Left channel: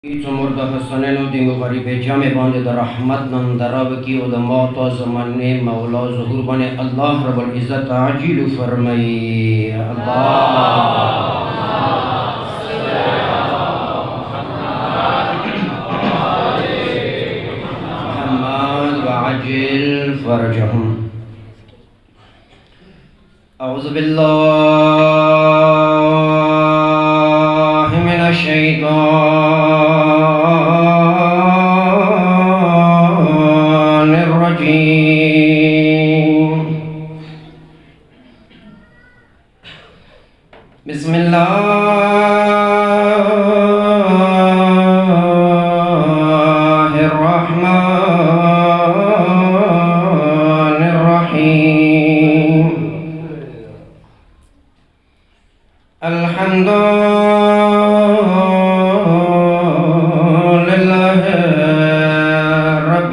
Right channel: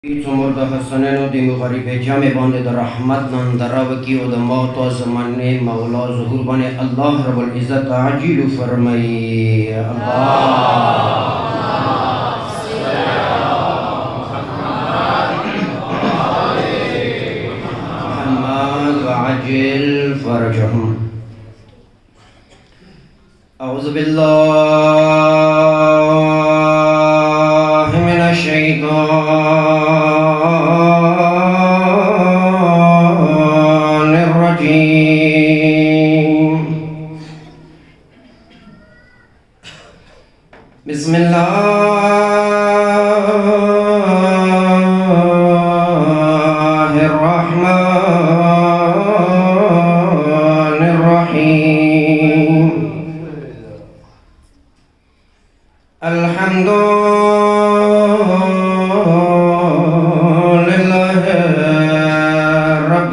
Țumur de Hasanenu din Mugharibe Jame Bande de Rahmat Nan Darabaki o de Mata Zamanne Mawla Zuhur Bane Allah Rabbul Izzat Ajilu Farmai Allah Muhammad wa Ajil Farajahum. A'udhu billahi minash shaitan بسم الله الرحمن الرحيم الحمد لله رب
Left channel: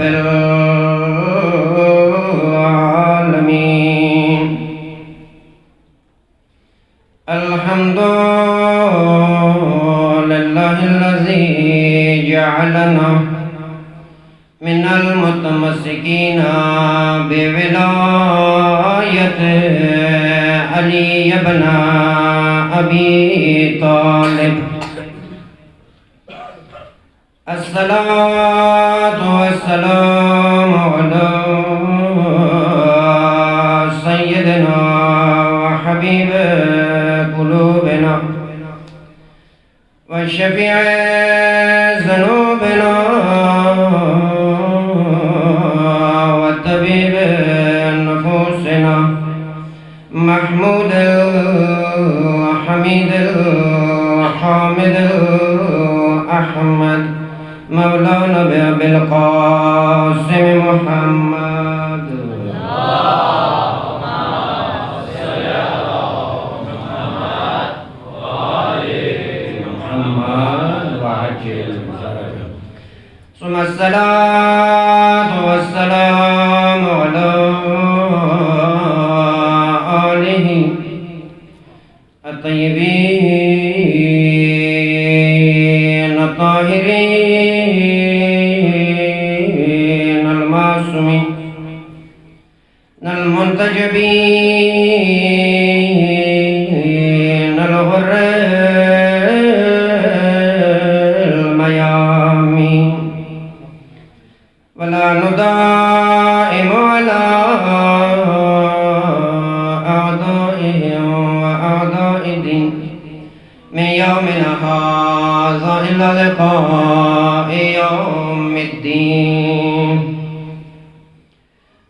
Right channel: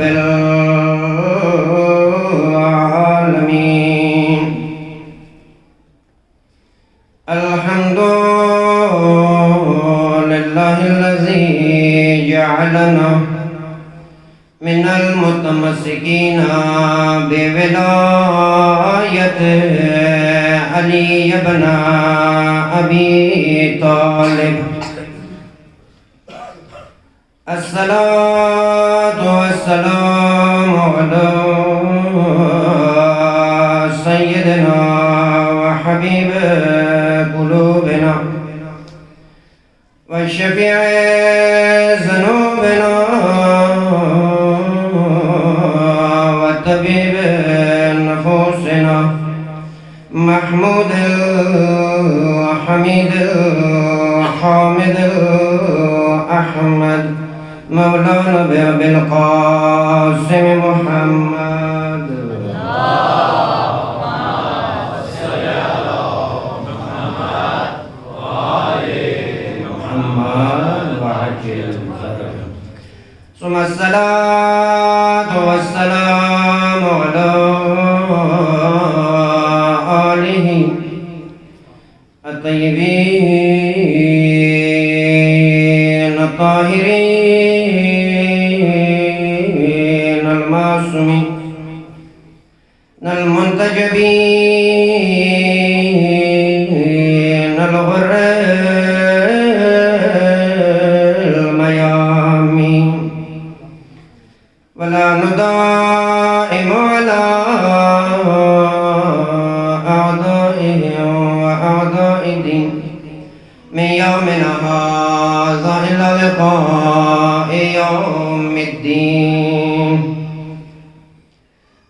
العالمين الحمد لله الذي جعلنا من المتمسكين بولاية علي بن أبي طالب. الصلاة والسلام على سيدنا وحبيب قلوبنا وشفيع ذنوبنا وطبيب نفوسنا محمود الحميد الحامد الأحمد مولانا بأبي القاسم محمد. ثم الصلاة والسلام على آله الطيبين الطاهرين المعصومين المنتجبين الغر الميامين ولا ندائم على أعدائهم وأعداء الدين من يومنا هذا إلى لقاء يوم الدين.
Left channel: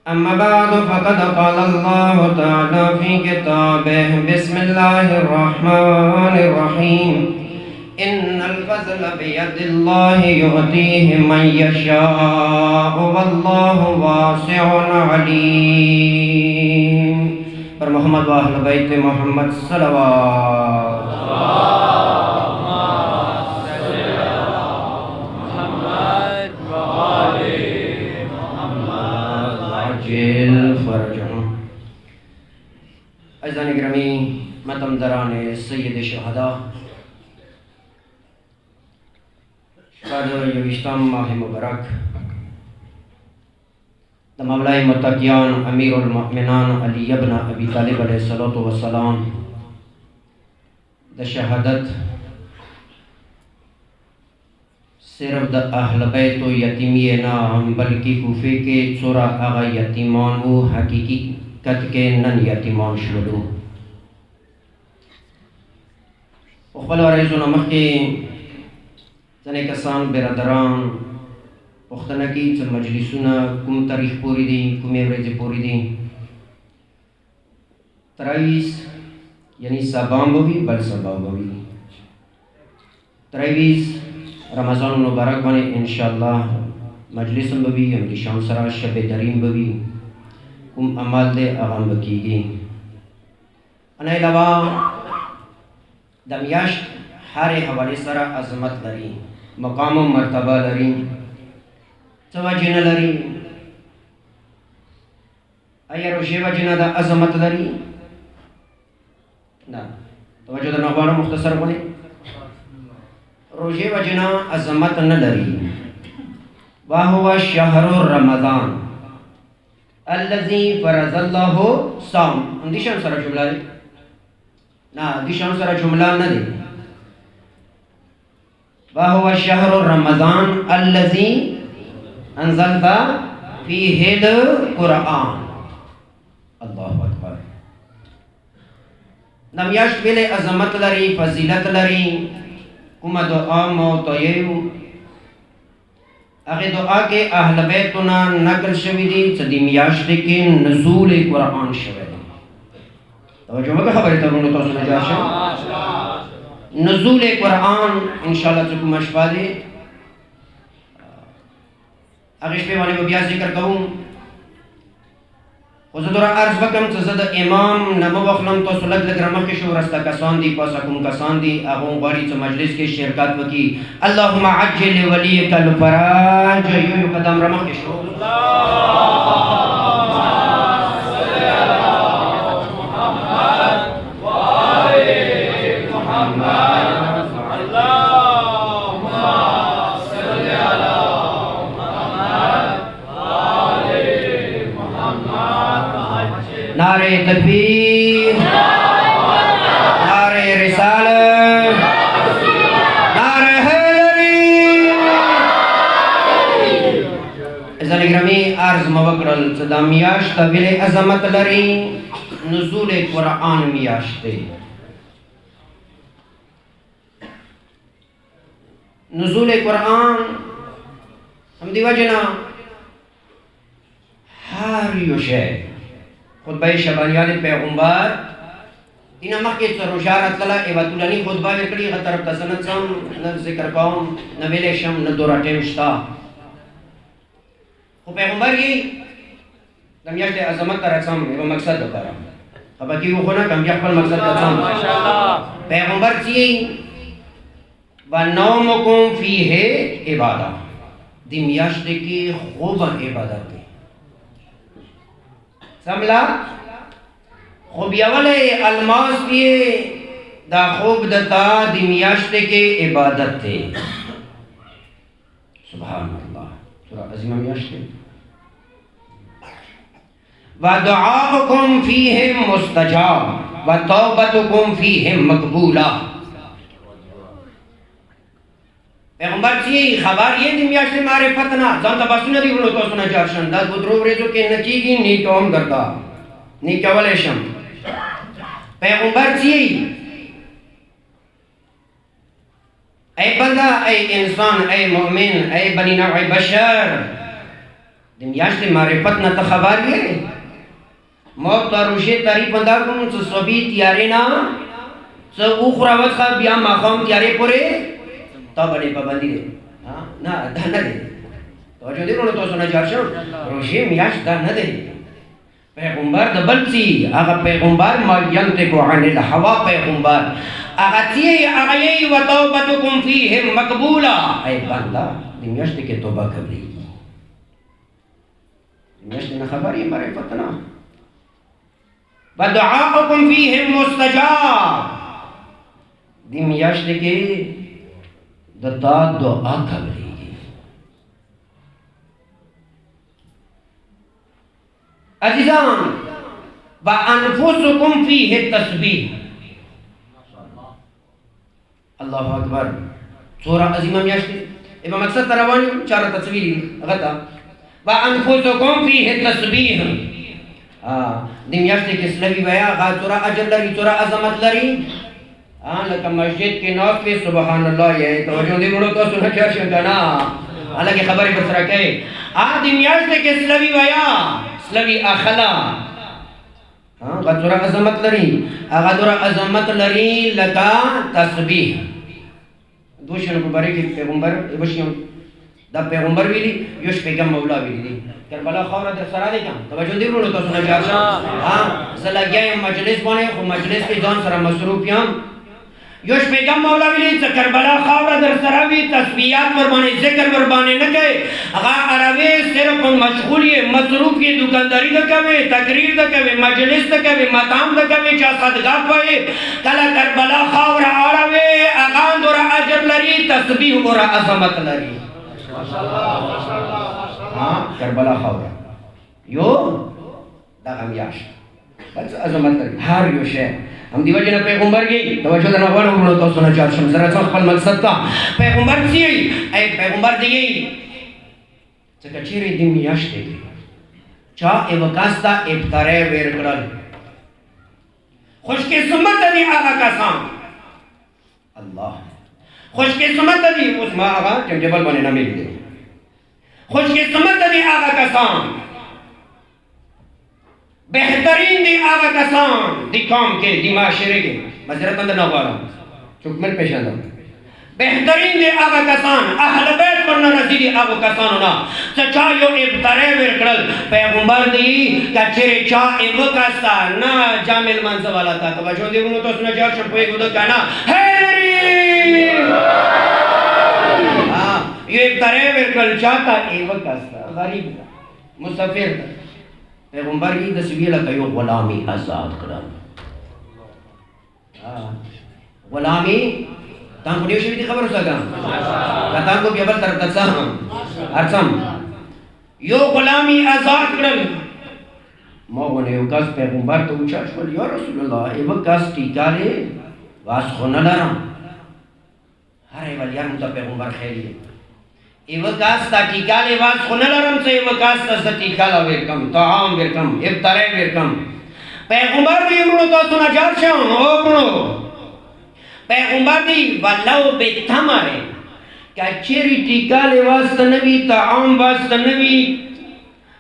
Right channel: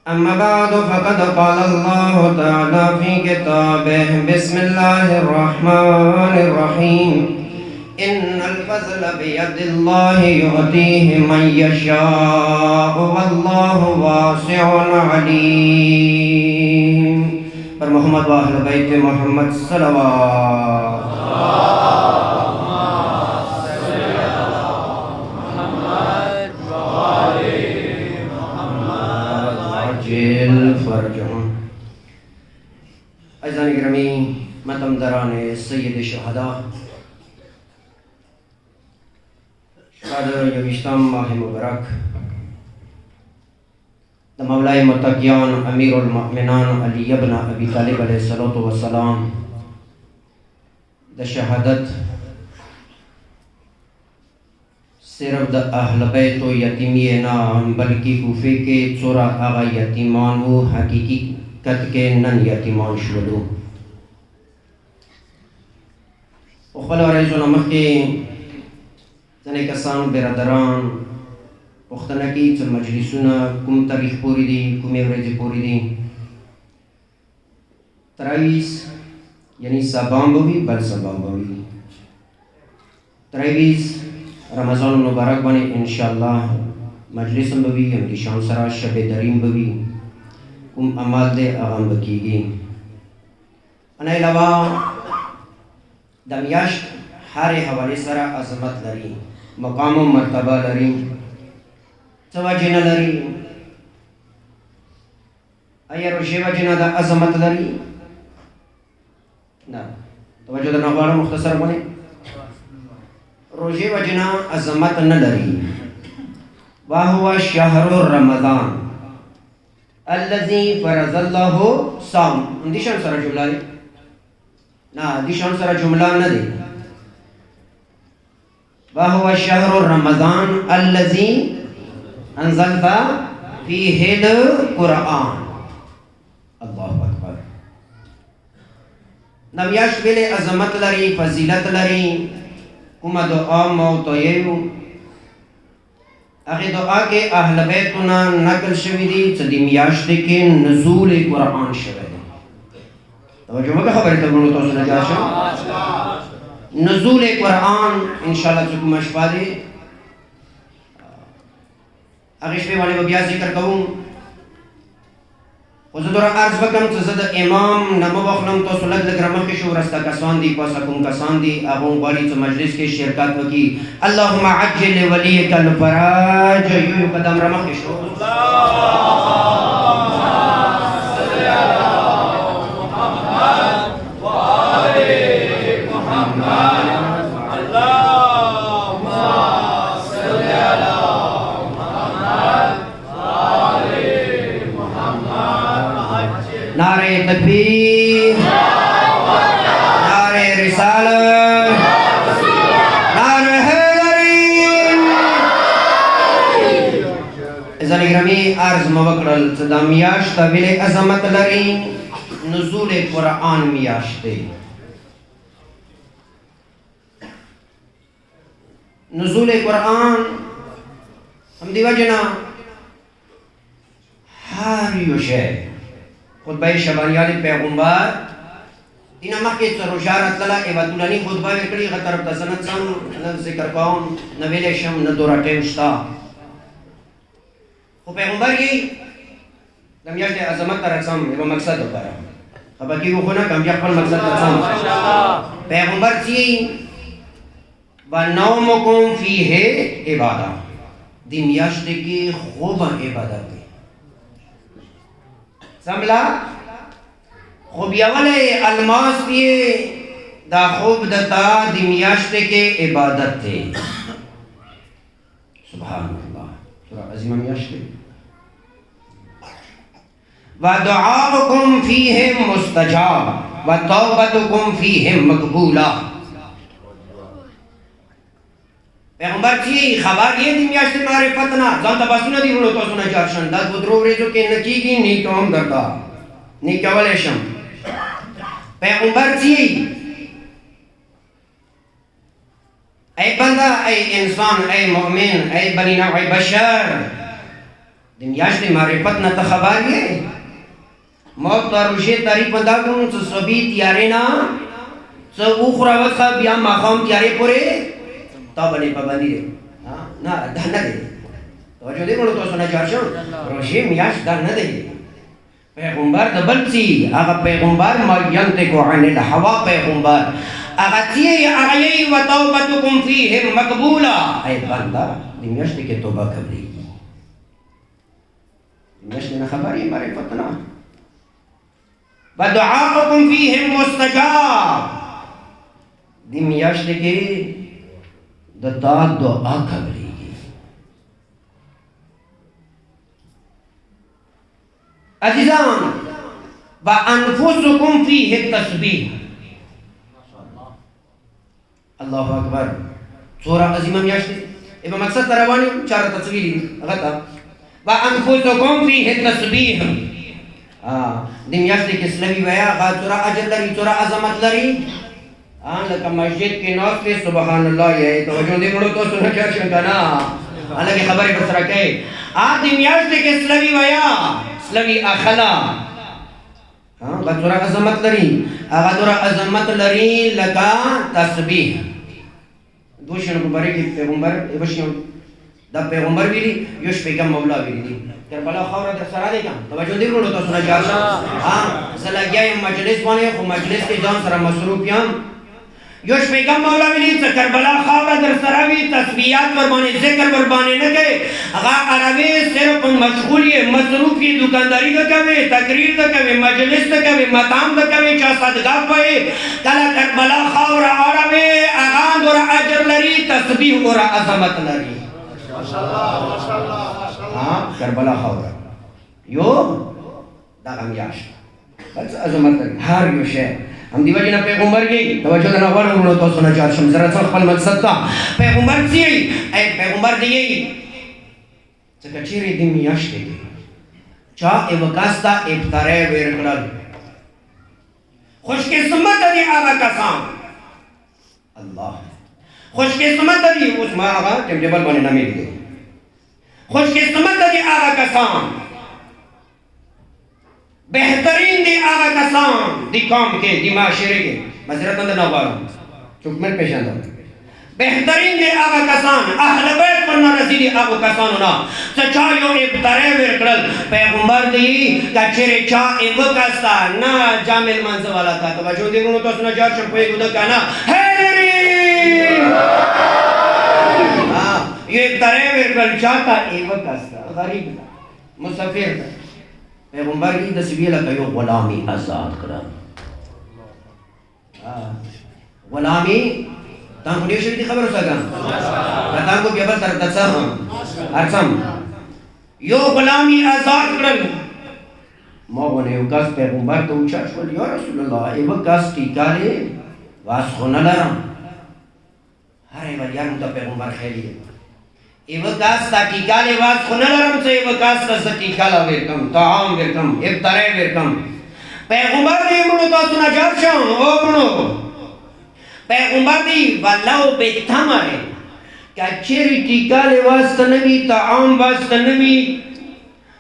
أما بعد فقد قال الله تعالى في كتابه بسم الله الرحمن الرحيم إن الفضل بيد الله يؤتيه من يشاء والله واسع عليم. پر محمد و اہل بیت محمد صلوات. عزیزان گرامی ماتم دران سید شهدا بعد یوشتم ماه مبارک د مولای متقیان امیر المؤمنان علی ابن ابی طالب علیہ الصلوۃ والسلام د شهادت صرف د اهل بیت و یتیمی نام بلکہ کوفے کے څورا هغه یتیمان و حقیقت کے نن یتیمان شولو. خپل ورځو مخکې ځنې کسان برادران پوښتنه کوي چې مجلسونه کوم تاریخ پورې دي، کومې ورځې پورې دي. 23 یعنی سبا به وي، بل سبا به وي. 23 رمضان مبارک باندې انشاءالله مجلس هم به وي، همدې شان سره شب دریم به وي. کوم عمل دی هغه هم به کېږي. انا علاوه د میاشت هرې حوالې سره عظمت لري، مقام و مرتبه لري. څه وجې نه لري؟ آیا روژې وجې نه د عظمت لري؟ نه. توجه درنه غواړم مختصر باندې روزه وجنا عظمت نه لري. وهو شهر رمضان الذي فرض الله صوم. دې شان سره جمله ده؟ نه دې شان سره جمله نه ده. وهو شهر رمضان الذي انزلت فيه القرآن. الله اکبر. نمیاشت ویلې عظمت لري، فضیلت لري. کومه دعا مو تویو هغه دعا کې اهل بیتونه نقل شوی دي چې د میاشتې کې نزول قرآن شوی دی. توجه وکړه خبرې ته ورونو تاسو نه ځه. نزول قرآن ان شاء الله چې کومه شپه دی هغه شپې باندې بیا ذکر کوم. خو زه دوره عرض وکړم چې زه د امام نه مه واخلم. تاسو لږ لږ رامخکې شو ورسته کسان دي پاسه کوم کسان دي هغه هم غواړي چې مجلس کې شرکت وکړي. اللهم عجل لولیک الفرج. یو قدم رامخکې شو. نعرہ تکبیر، نعرہ رسالت، نعرہ حیدری. عزیزان گرامی عرض موکړل چې دا میاشت ولې عظمت لري. نزول قرآن میاشت دی. نزول قرآن هم دی وجنا هر یو شی خطبه شبانیان پیغمبر اینا مخکې څه روژه راتلله ایوه طولاني خطبه یې کړې. هغه طرف ته زه نه ځم، نه ذکر کوم، نه ویلی شم، نه دوره ټیم شته. خو پیغمبر یې د میاشتې عظمت ته راځم یوه مقصد دپاره خفه کېږو خو نه کم بیا خپل مقصد ته ځم. پیغمبر چې یې ونومکم فیه عباده. دې میاشتې کې خوب عبادت دی. سملا خوبیاوله الماس دیے دا خوب دتا دی میاشتے کے عبادت تے. سبحان اللہ. سورہ عظیمہ میاشتے. وَدُعَاؤُكُمْ فِيهِمْ مُسْتَجَابٌ وَتَوْبَتُكُمْ فِيهِمْ مَقْبُولَةٌ. پیغمبر چی خبر یہ دی میاشت معرفت نا ځان ته بسونه دی ورونو تاسو نه چارشن دا درو ورځو کې نه کیږي نیک هم کرتا نیک کولای شم. پیغمبر چی ای بنده، ای انسان، ای مؤمن، ای بنی نوع بشر، دی میاشت معرفت نه ته خبر یې. موت ته روژې تاریخ بنده کوم چې صبح تیارې نه څه وخوره وڅښه بیا ماښام تیارې پورې تا بلی پابندی دی. نه دا نه دی. توجه دی ورونو تاسو نه جار شو. روژې میاشت دا نه دی. پیغمبر د بل څه هغه پیغمبر ما ینطق عن الهوا پیغمبر هغه چې هغه یې وتوبتکم فیهم مقبوله. ای بنده دې میاشتې کې توبه قبلیږي. میاشتې نه خبر یې معرفت نه. ودعاؤکم فیهم مستجاب. دې میاشتې کې دتا دعا قبلیږي. عزیزان وانفسکم فیه التسبیح. الله اکبر. سورہ عظیمہ میاشت ایبا مقصد تروانی چارہ تصویری غطا وانفسکم فیه التسبیح. دی میاشت کس لگی ویا غا سورہ اجر لری سورہ عظمت لری. لکه مسجد کې ناست وي سبحان الله یې توجه دې وړو تاسو نه چار شم کنه الګي خبرې پر سره کوي. دې میاشتې کې سلوي ویا سلوي اخلا غدوره عظمت لري. هغه دوره عظمت لري لکه تسبیح. دوشنه مبارک پیغمبر ایوشنه دا پیغمبر ویلي یوش پیغام مولا ویلي کربلا خاور در سره دی کوم توجه دې وړو تاسو نه چار شم. زه لګیا یم مجلس باندې خو مجلس کې ځان سره مصروف یم. یوش پیغام مولا ویلی چه کربلا خاورا در سراوی تسبیحات وربانی ذکر وربانی نکے اغا عربی صرف مشغولی مصروفی دکانداری دکوی تقریر دکوی مجلس دکوی مطعم دکوی چا صدقات پوئی کلا کربلا خاورا عربی اغا دورا عجر لری تسبیح ورا عظمت لری کربلا خاورا یو دا غمیاش بس عظمت لری هر یو شے ہم دیو جنا پیغمبر کی توجہ دنا غواړو نو تاسو نه چار شم زرا خپل مقصد ته پیغمبر سی ای پیغمبر دی چې کچېری دی میاشتې دی چا ایوکاستا ابتره ور کړل خوش قسمت دی هغه کسان الله خوش قسمت دی اوس ما هغه جبل باندې نامې دی خوش قسمت دی هغه کسان بہترین دی آغا کسان دی قوم کے دی معاشرے کے معذرت اندر نہ غوارم چکمل پیشاندہ بہترین دی آغا کسان اہل بیت پر نہ رسی دی آغا کسان ہونا سچایو ابترے ورکڑل پیغمبر دی کچھرے چاہ وکاستا نا جامل منزو والا تا توجہ دی گونو تو سنا جار شپوئی گودہ کانا ہیری یہ ابترے ورکڑل چاہ تا وکاستا غریب دا مسافر دا پیغمبر کی دسویہ لکا یو غلامی آزاد کرن غلامی تان کو نیوشوی دی خبر سا کام تان کو بیابر تر تتسا ہم ارسم یو غلامی آزاد کرن موغن یو کس پیغمبر تو چاش کل یا رسول اللہ ایو کس کی کالے واس خونا لرم ہر ایوال یا متا پیغمبر خیلی ہے ایو کاستا ٹیکالے واس خونلرم سے ایو کاستا سا ٹیکالا ویرکم طعام ویرکم ابترے ویرکم پیغمبر دی امرو تو سنا جارشان او برنو پیغمبر دی واللہو بیتا مارے کیا چیری ٹیکالے واسطہ نبی طعام واسطہ نبی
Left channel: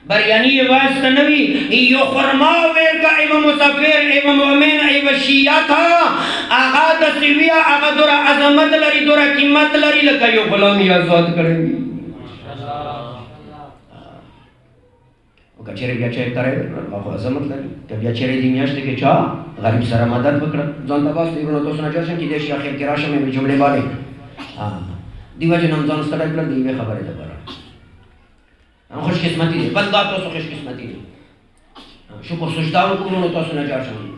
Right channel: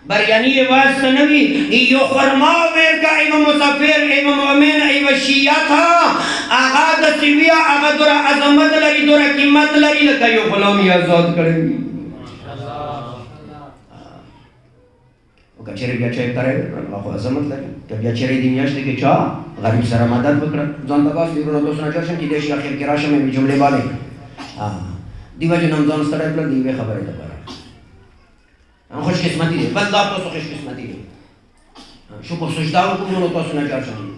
بریانی واسطہ نبی ایو خرما ویرکا ایو مسافر ایو مؤمن ایو شیعہ تھا آغا دسیویا آغا دورا عظمت لری دورا قیمت لری لکا یو غلامی آزاد کریں گی کچھرے بیا چاہے کرے آخو عظمت لری تو بیا چرے دی میاشتے کے چاہ غریب سارا مدد بکر زندہ باس دیگرونو تو سنا چرشن کی دیشی آخر کراشا میں بھی جملے والے دیو جن ہم زن سرائے کر دیوے خبرے دبارا ہم خوش قسمتی دے بندہ تو سو خوش قسمتی دے شکر سجدہ کو جنو تو سنا چرشن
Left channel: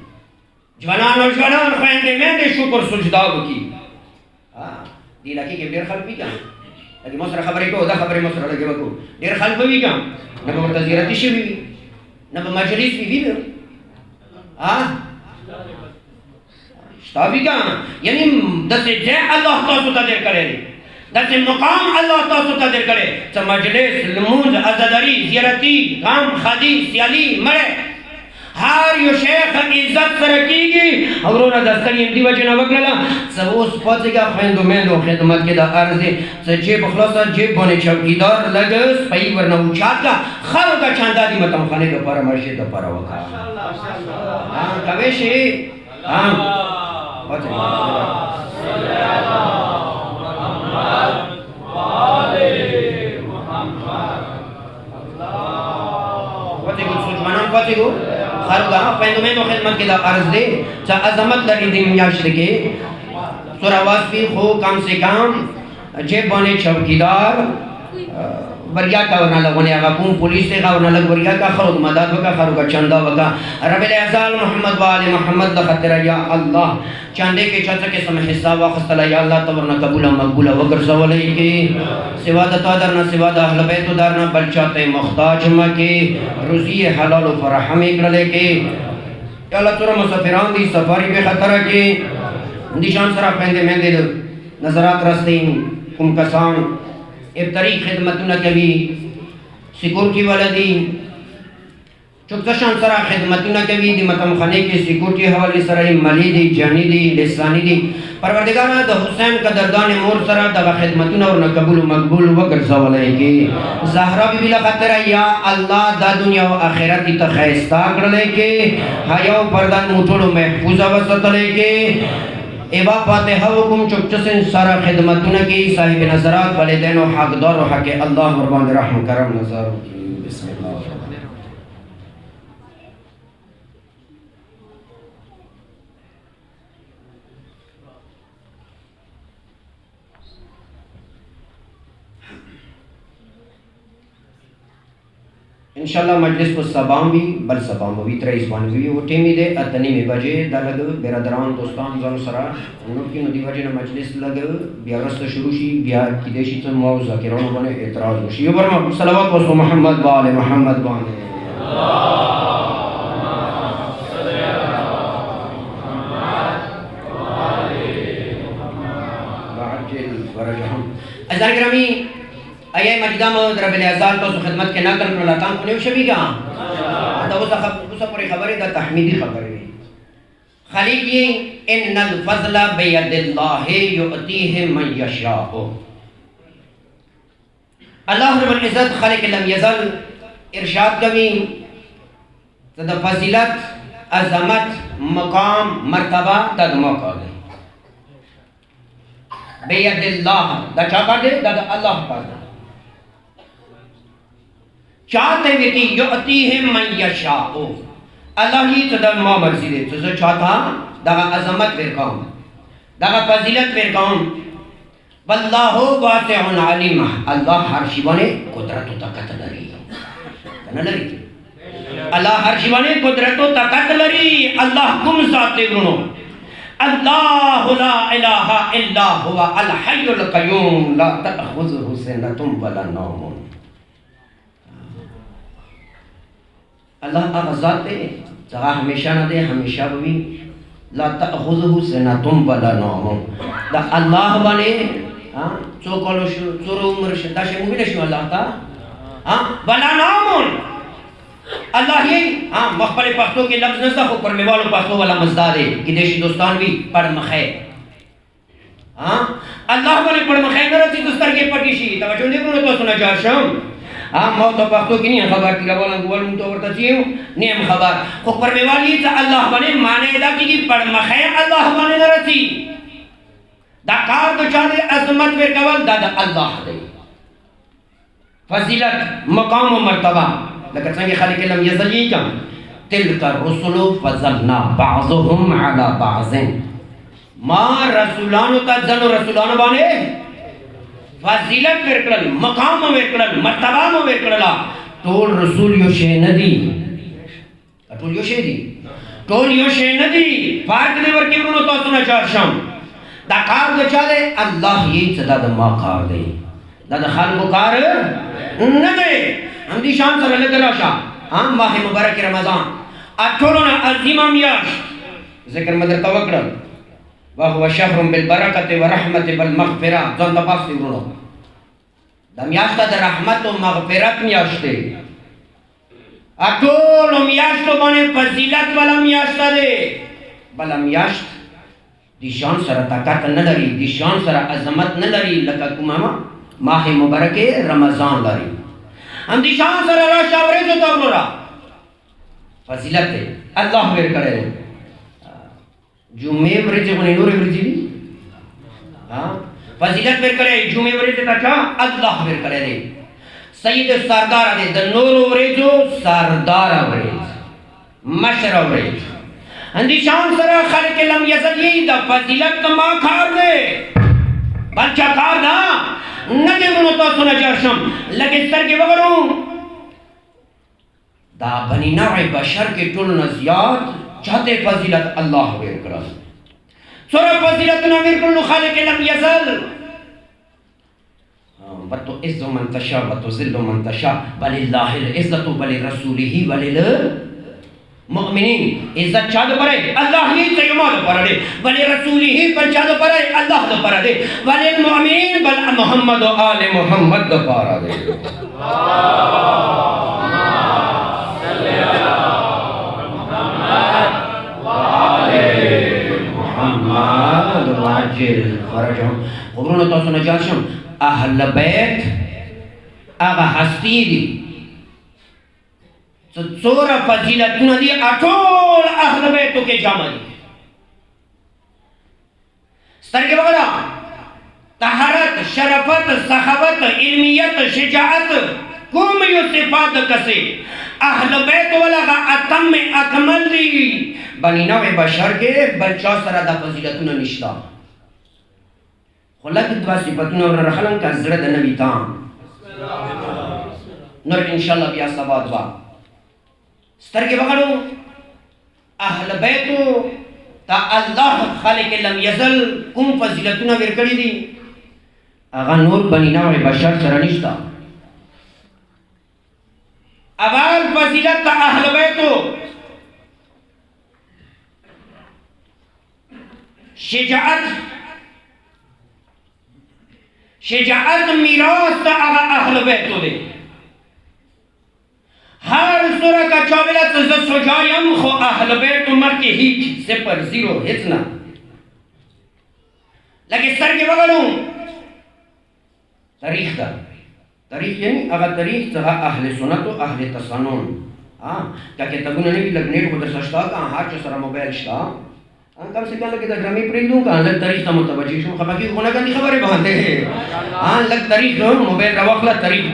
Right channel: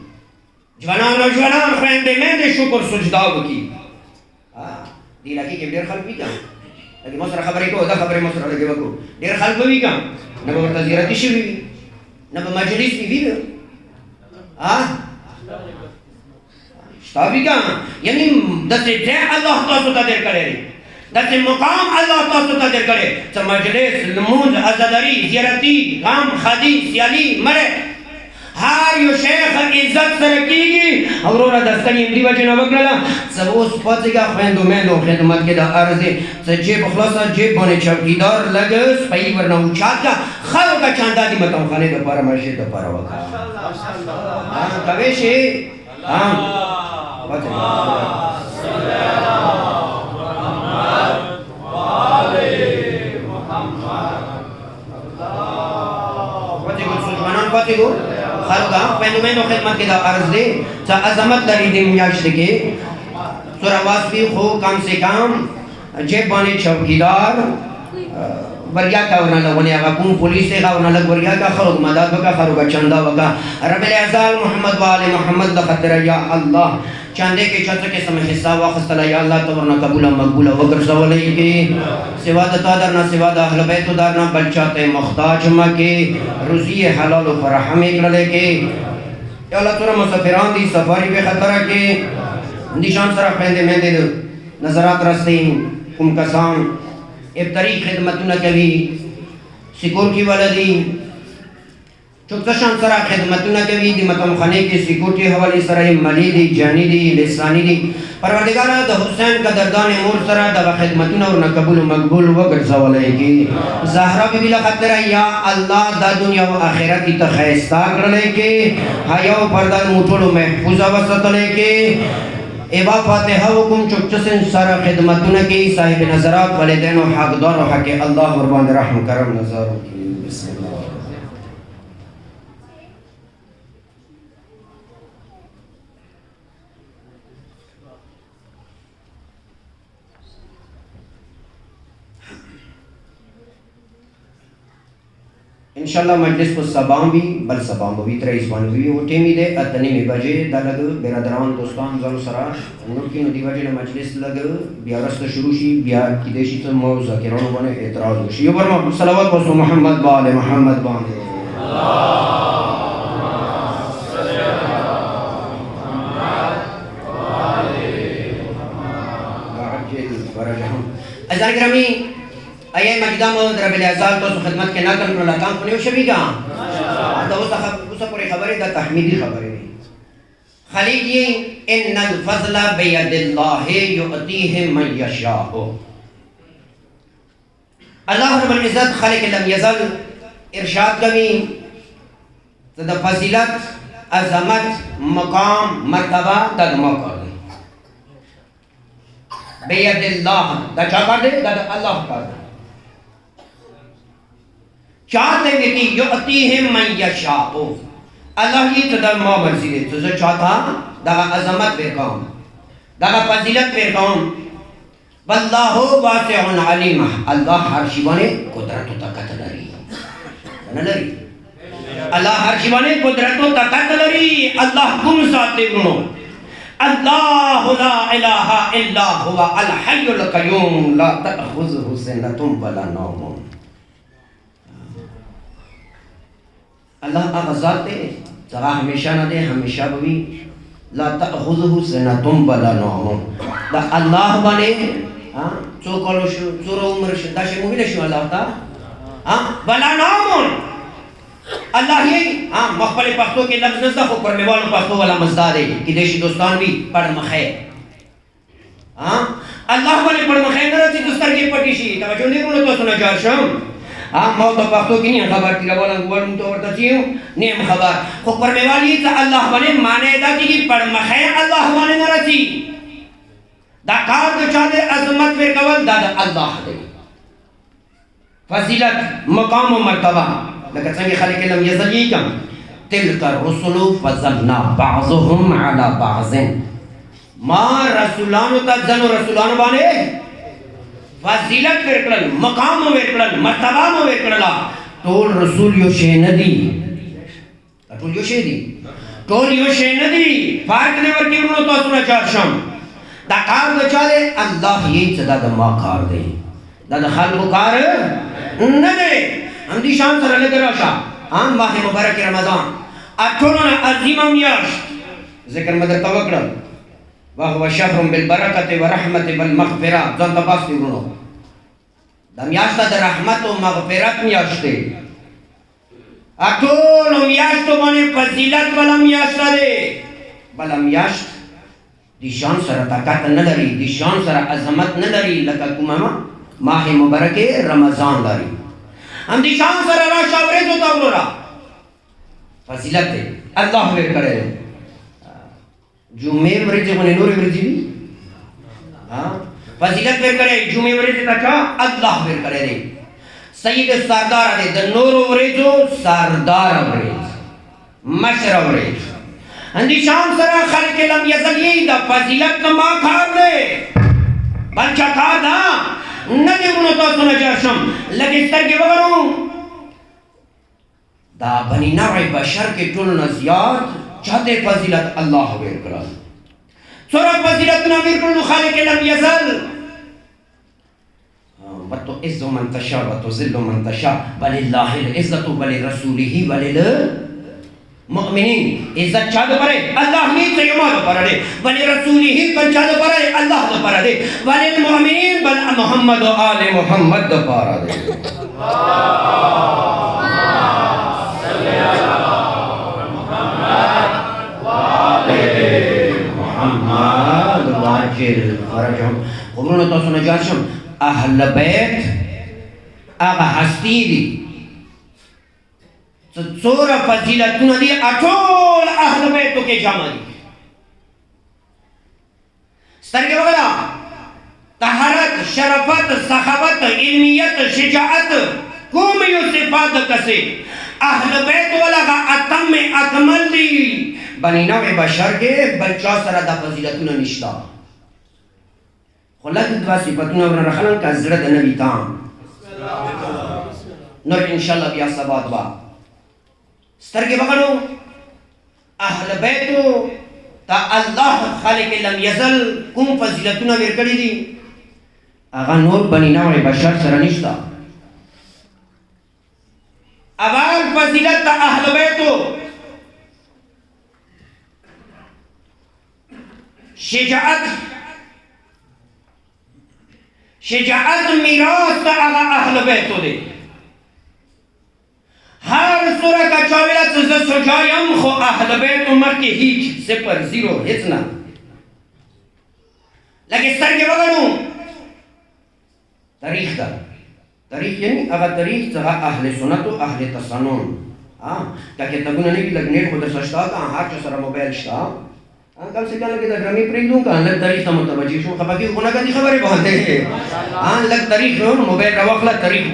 جوانان و جوانان خویندے میں دے شکر سجدہ بکی دی لکی کہ دیر خلق بھی کیا لیکن مصر خبری کو دا خبری مصر لگے بکو دیر خلق بھی کیا نبا مرتزیرتی شی بھی نبا مجلس بھی بھی شتا بھی کیا یعنی دستے جے اللہ تاسو تا دیر کرے دستے مقام اللہ تاسو تا دیر کرے سا مجلس لموز عزداری زیرتی غام خادی سیالی مرے ہار یو شیخ عزت سرکی گی اورونا دستانی اندی وجہ وگللا سب اس پاتے گا خویندو میندو خدمت کے دا عرضی سب جیب اخلاصا جیب بونے چوکیدار لگس پئی ورنہ اچھات کا خلو کا چاندہ دی مطمئن خانے دا پارا مرشد دا پارا وقت کویشی بچے بچے گو خارگا پہنو میں خدمت کے دا عرض دے چا عظمت لری دی میاشت کے سورہ واسفی خو کم سے کم جیب بانے چوکیدار وریا کا ورنہ لگونے آگا کون پولیس سے ورنہ لگ وریا کا خلق مدد بکا خلق چندہ بکا رب العزال محمد وآل محمد لخطر یا اللہ چندے کے چھتا کے سمح حصہ واخست اللہ یا اللہ تورنا قبولا مقبولا وگر زولی کے سوادتا درنا سوادا اہل بیتو درنا بلچاتے مختاج مکے روزی حلال و فرحم اکرلے کے یا اللہ تورا مسافران دی سفاری بے خطرہ کے اندیشان سرا پہندے میں دے نظرات رستین کم کسان ابتری خدمتنا کبھی سیکورٹی والا دی چکتشان سرا خدمتنا کبھی دی مطمئن خانے کی سیکورٹی حوالی سرا مالی دی جانی دی لسانی دی پروردگارہ دا حسین کا دردان مور سرا دا خدمتنا اور قبول و مقبول وگر زوالے کی زہرہ بی بلا خطرہ یا اللہ دا دنیا و آخرت کی تخیستہ کرلے کے حیاء و پردان موٹول و محفوظہ وسط لے کے ایبا فاتحہ وکم چکچسن سارا خدمتنا کی صاحب نظرات والدین و حقدار و حق اللہ وربان رحم کرم نظر بسم اللہ इंशाल्लाह मजलिस को सबाम भी बल सबाम भी तरह इसबान भी वो टीमी दे अतनी में बजे दलग बेरादरान दोस्तान जालो सरा उनकी नदी बजे न मजलिस लग बियारस्त शुरू शी बिया की देशी तो मौजा के रोनो बने एतराज शी ये बरमा सलावत व मोहम्मद वाले मोहम्मद वाले अज़ान ग्रामी अये मजदा मौद रब्बिल अज़ाल तो खिदमत के नकल को लताम को ने शबी का तो उस पर खबर है तहमीदी खबर है खालिक ये इन्नल फज़ला बियदिल्लाह युअतीहि मन यशाअ अल्लाह रब्बुल इज़्ज़त खालिक लम यज़ल इरशाद कमी तद फजीलत अज़मत मकाम मर्तबा तद मौका बेयदिल्लाह दा क्या कर दे दा अल्लाह कर दे चाहते व्यक्ति युअतीहि मन यशाअ अल्लाह ही तदा मा मर्जी दे तो चाहता दा अज़मत वे कौन दा फजीलत वे कौन वल्लाहु वासिउन अलीम अल्लाह हर शिवाने कुदरत ताकत लरी न लरी अल्लाह हर शिवाने कुदरत ताकत लरी अल्लाह गुम जाते गुनो अल्लाह ला इलाहा इल्ला हुवा अल हय्युल क़य्यूम ला तअख़ुज़ुहु सिनतुन वला नौम अल्लाह आज़ात है जगह हमेशा न दे हमेशा भी ला तअख़ुज़ुहु सिनतुन वला नौम दा अल्लाह बने हां चोकोलो चोरो उम्र दाशे मुबिन शो अल्लाह ता हां वला नौम अल्लाह ये हाँ मखबले पख्तों के लफ्ज़ नज़ा को करने वालों पख्तों वाला मज़दार है कि देशी दोस्तान भी पढ़ मखे हाँ अल्लाह वाले पढ़ मखे न रची दोस्तार के पटिशी तवज्जो नहीं करो तो सुना चार शाम हाँ मौत पख्तों की नहीं खबर की लवाला गुवालुम तो और तचियो नहीं खबर को करने वाली तो अल्लाह वाले माने दा की पढ़ मखे अल्लाह वाले न रची दाकार तो चाहे अज़मत वे कवल दादा अल्लाह दे फजीलत मकाम व मर्तबा लकत संगी खालिक लम यज़ल ये क्या तिलका रुसुलु फज़लना बाज़ुहुम अला बाज़िन मा रसूलानु तजनु रसूलानु बाने फजीलत वेरकल मकाम वेरकल मर्तबा वेरकला तोल रसूल यो शे नदी तोल यो शे दी तोल यो शे नदी फाट ने वर्की उनो तो सुना चार शाम दा कार दे चाले अल्लाह ये सदा दमा कार दे दा खाल को कार न दे हम दी शान सर लग राशा हम माह मुबारक रमजान अठोनो ना अजीमा मियाश जिक्र मदर तवक्कुल व हुवा शहरुन बिल बरकति व रहमति वल मगफिरा जन तबास दिनो दमियाश द रहमत व मगफिरत मियाश दे अठोनो मियाश तो बने फजीलत वाला मियाश दे बल मियाश दी शान सर ताकत न लरी दी शान सर अजमत न लरी लका कुमामा माह मुबारक रमजान लरी हम दिशान सर राशा वरे तो तवरा फजीलत है अल्लाह वेर करे जुमे वरे जे कोने नूर वरे जी हां फजीलत वेर करे जुमे वरे जे तका अल्लाह वेर करे रे सईद सरदार दे द नूर वरे जो सरदार वरे मशर वरे हम दिशान सर खालिक लम यज़ल ये द फजीलत मा खार दे बच्चा खार ना नदी मुनो तो सुना जाशम लगे सर के बगड़ों दा बनी नवै बशर के टुल नज़ियात चाहते फजीलत अल्लाह वेर करा सोरा फजीलत न वेर करो खालिक लम यज़ल वतो इज़्ज़ु मन तशा वतो ज़िल्लु मन तशा वलिल्लाहिल इज़्ज़तु वलिरसूलिही वलिल मुमिनीन इज़्ज़त चादो परे अल्लाह ही तो यमा दो परे वली रसूलिही पर चादो परे अल्लाह दो परे वलिल मुमिनीन बल मोहम्मद व आले मोहम्मद दो परे अल्लाहुम्मा सल्ली अला मुहम्मद व आले मुहम्मद वाजिल फरजम उन्होंने तो सुना जाशम अहल बैत आगा हस्ती दी सोरा फजीलत नदी अठोल अहल बैत के जामनी सरगे वगैरह तहरत शरफत सखावत इल्मियत शिजाअत कुम यो सिफात कसे अहल बैत वाला का अतम में अकमल ली बनी नवे बशर के बच्चा सरा दा फजीलत न निश्ता खुला की दवा सिफत न रखलन का जरद नबी ताम نور انشاءالله بیا سبا دوا سترګې وغړو اهل بیتو تا الله خالق لم یزل کوم فضیلتونه ورکړي دي هغه نور بنی نوع بشر سره نشته. اول فضیلت تا اهل بیتو شجاعت میراث تا هغه اهل بیتو دی. هر سوره کا چاویلا ز سجایم خو اهل بیت عمر کې هیڅ صفر زیرو هیڅ نه لکه سترګې وګړو تاریخ دا تاریخ یعنی هغه تاریخ څنګه اهل سنت او اهل تسنن دا کتابونه نه وی لګنیټ خو د سشتا کا هر څه سره موبایل شتا کم سے کم لګي د ډرامې پرېږدو کا لږ تاریخ ته متوجه شو خبرې خونه کوي خبرې باندې لږ تاریخ موبایل دا وخت تاریخ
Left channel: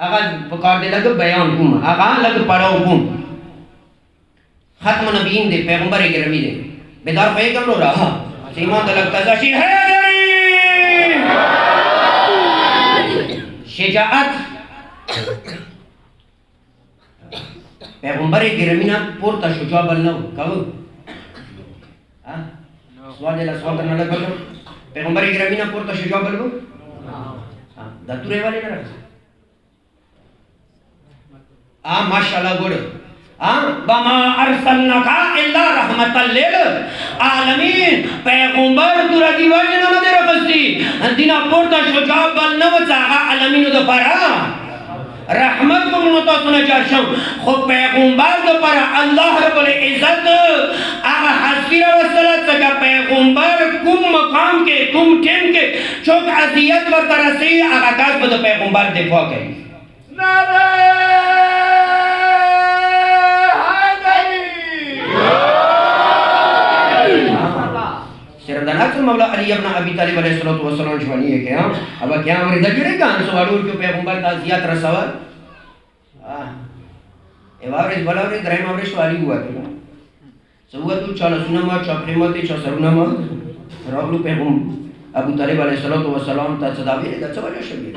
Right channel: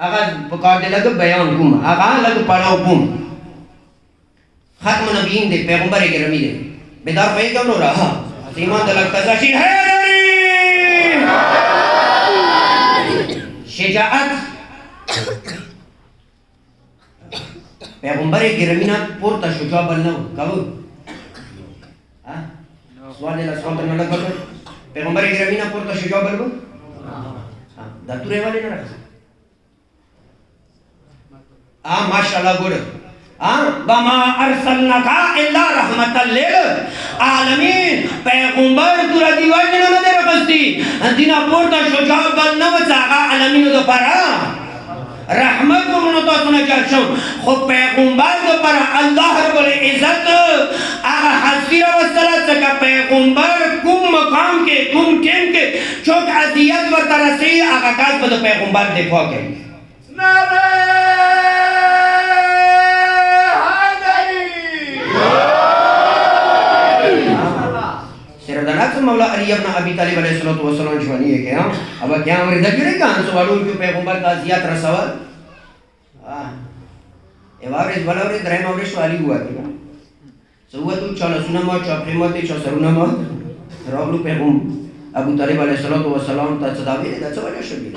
هغه په کار دی لږ بیان کوم هغه لږ پړاو کوم ختم نبیین دی پیغمبر گرامی دی بیدار پیغام نو رہا ایمان دلک تزاشین حیدری شجاعت پیغمبر گرامی نا پورتا شجاع بلنو کبو سوال دیلا سوال تنہ لگ بلو پیغمبر گرامی نا پورتا شجاع بلو دا تورے والے نا رکھا ماشاءاللہ گوڑ بما ارسلناکا الا رحمت للعالمین پیغمبر تورا دیوال جنہ مدر رفستی دینا پورتا شجاع بلنو چاگا عالمینو دو پارا رحمت کو منوتا سنا چارشم خود پیغمبر دو پارا اللہ رب العزت آگا حسیر وصلت سکا پیغمبر کم مقام کے کم ٹیم کے چوک عذیت و ترسی آگا کاز بدو پیغمبر دفاع کری نعرہ سردناک مولا علی ابن ابی طالب علیہ السلام جوانی ہے کہ اب کیا ہمیں دکھرے کہاں سوالو جو پیغمبر تعزیات رسول ایوارش بلاورش درائم آورش والی ہوا ہے سوہ تو چالا سنما چاپریماتی چا سرونما راولو پیغمبر ابو طالب علیہ السلام تا صدابی ہے دچا والا شبیر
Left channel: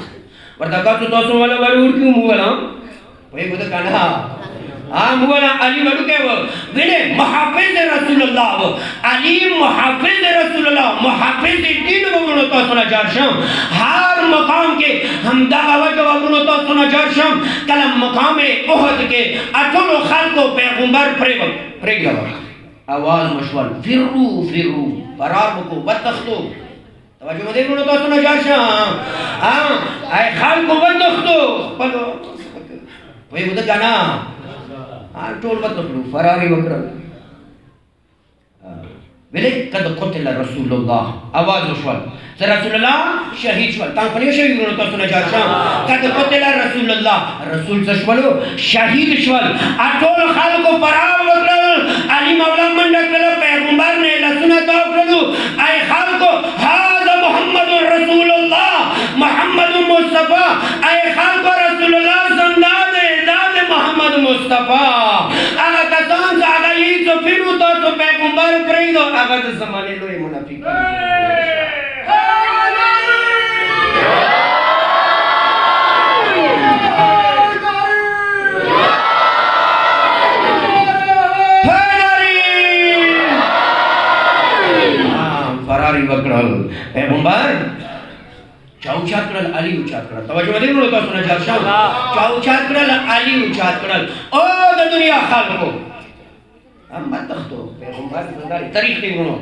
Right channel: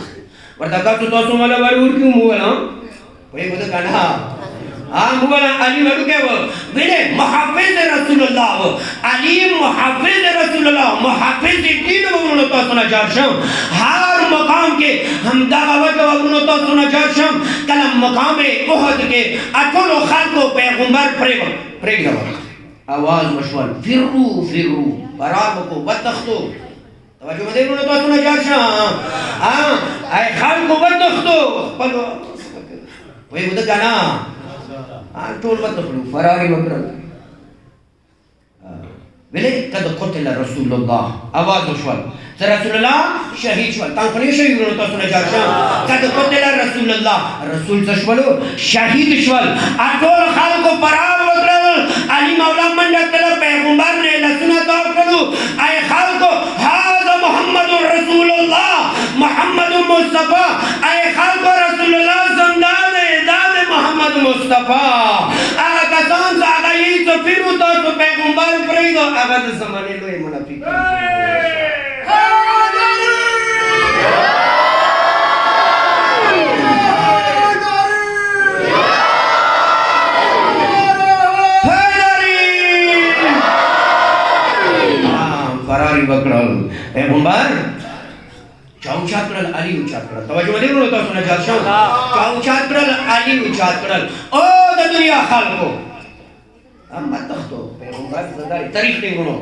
وردکا تو توسن والا ورور کیوں مولا وہی بودھا کہنا مولا علی وڈو کہہ وہ بلے محافظ رسول اللہ علی محافظ رسول اللہ محافظ دین ومنو تو سنا جارشم ہر مقام کے ہم دعوہ جواب منو تو سنا جارشم کلم مقام احد کے اٹھل و خلقو پیغمبر پریگ جواب آواز مشوال فرو فرو فرار بکو بدتختو توجہ مدے منو تو سنا جارشم اے خلقو بدتختو وہی بودھا کہنا ټول وتخلو فراری وکړل ویلې قد قتل رسول الله आवाज وشول چې رسول الله شهید شول تاسو نه شهید ورته تاسو نه جارشم قد قتل رسول الله رسول څه شول شهید شول ټول خلکو فرار وکړل علي مولا منډه کړه پیغمبر نه لسونه تا کړو اي خلکو هذا محمد رسول الله محمد مصطفی اي خلکو رسول الله زنده محمد مصطفیٰ اگر کسان سے اگر یہی تو پھر تو پیغمبر پرید ہو اگر تو زمانے لوئے منافق فراری بکرال پیغمبر چاوچات کرل علی اوچات کرل توجہ مدین ہوتا سنا جارشاو چاوچات کرل علی اوچات کرل او دا دنیا خالقو ہم بدتختو پیغمبر زنداری تاریخ دیں گنو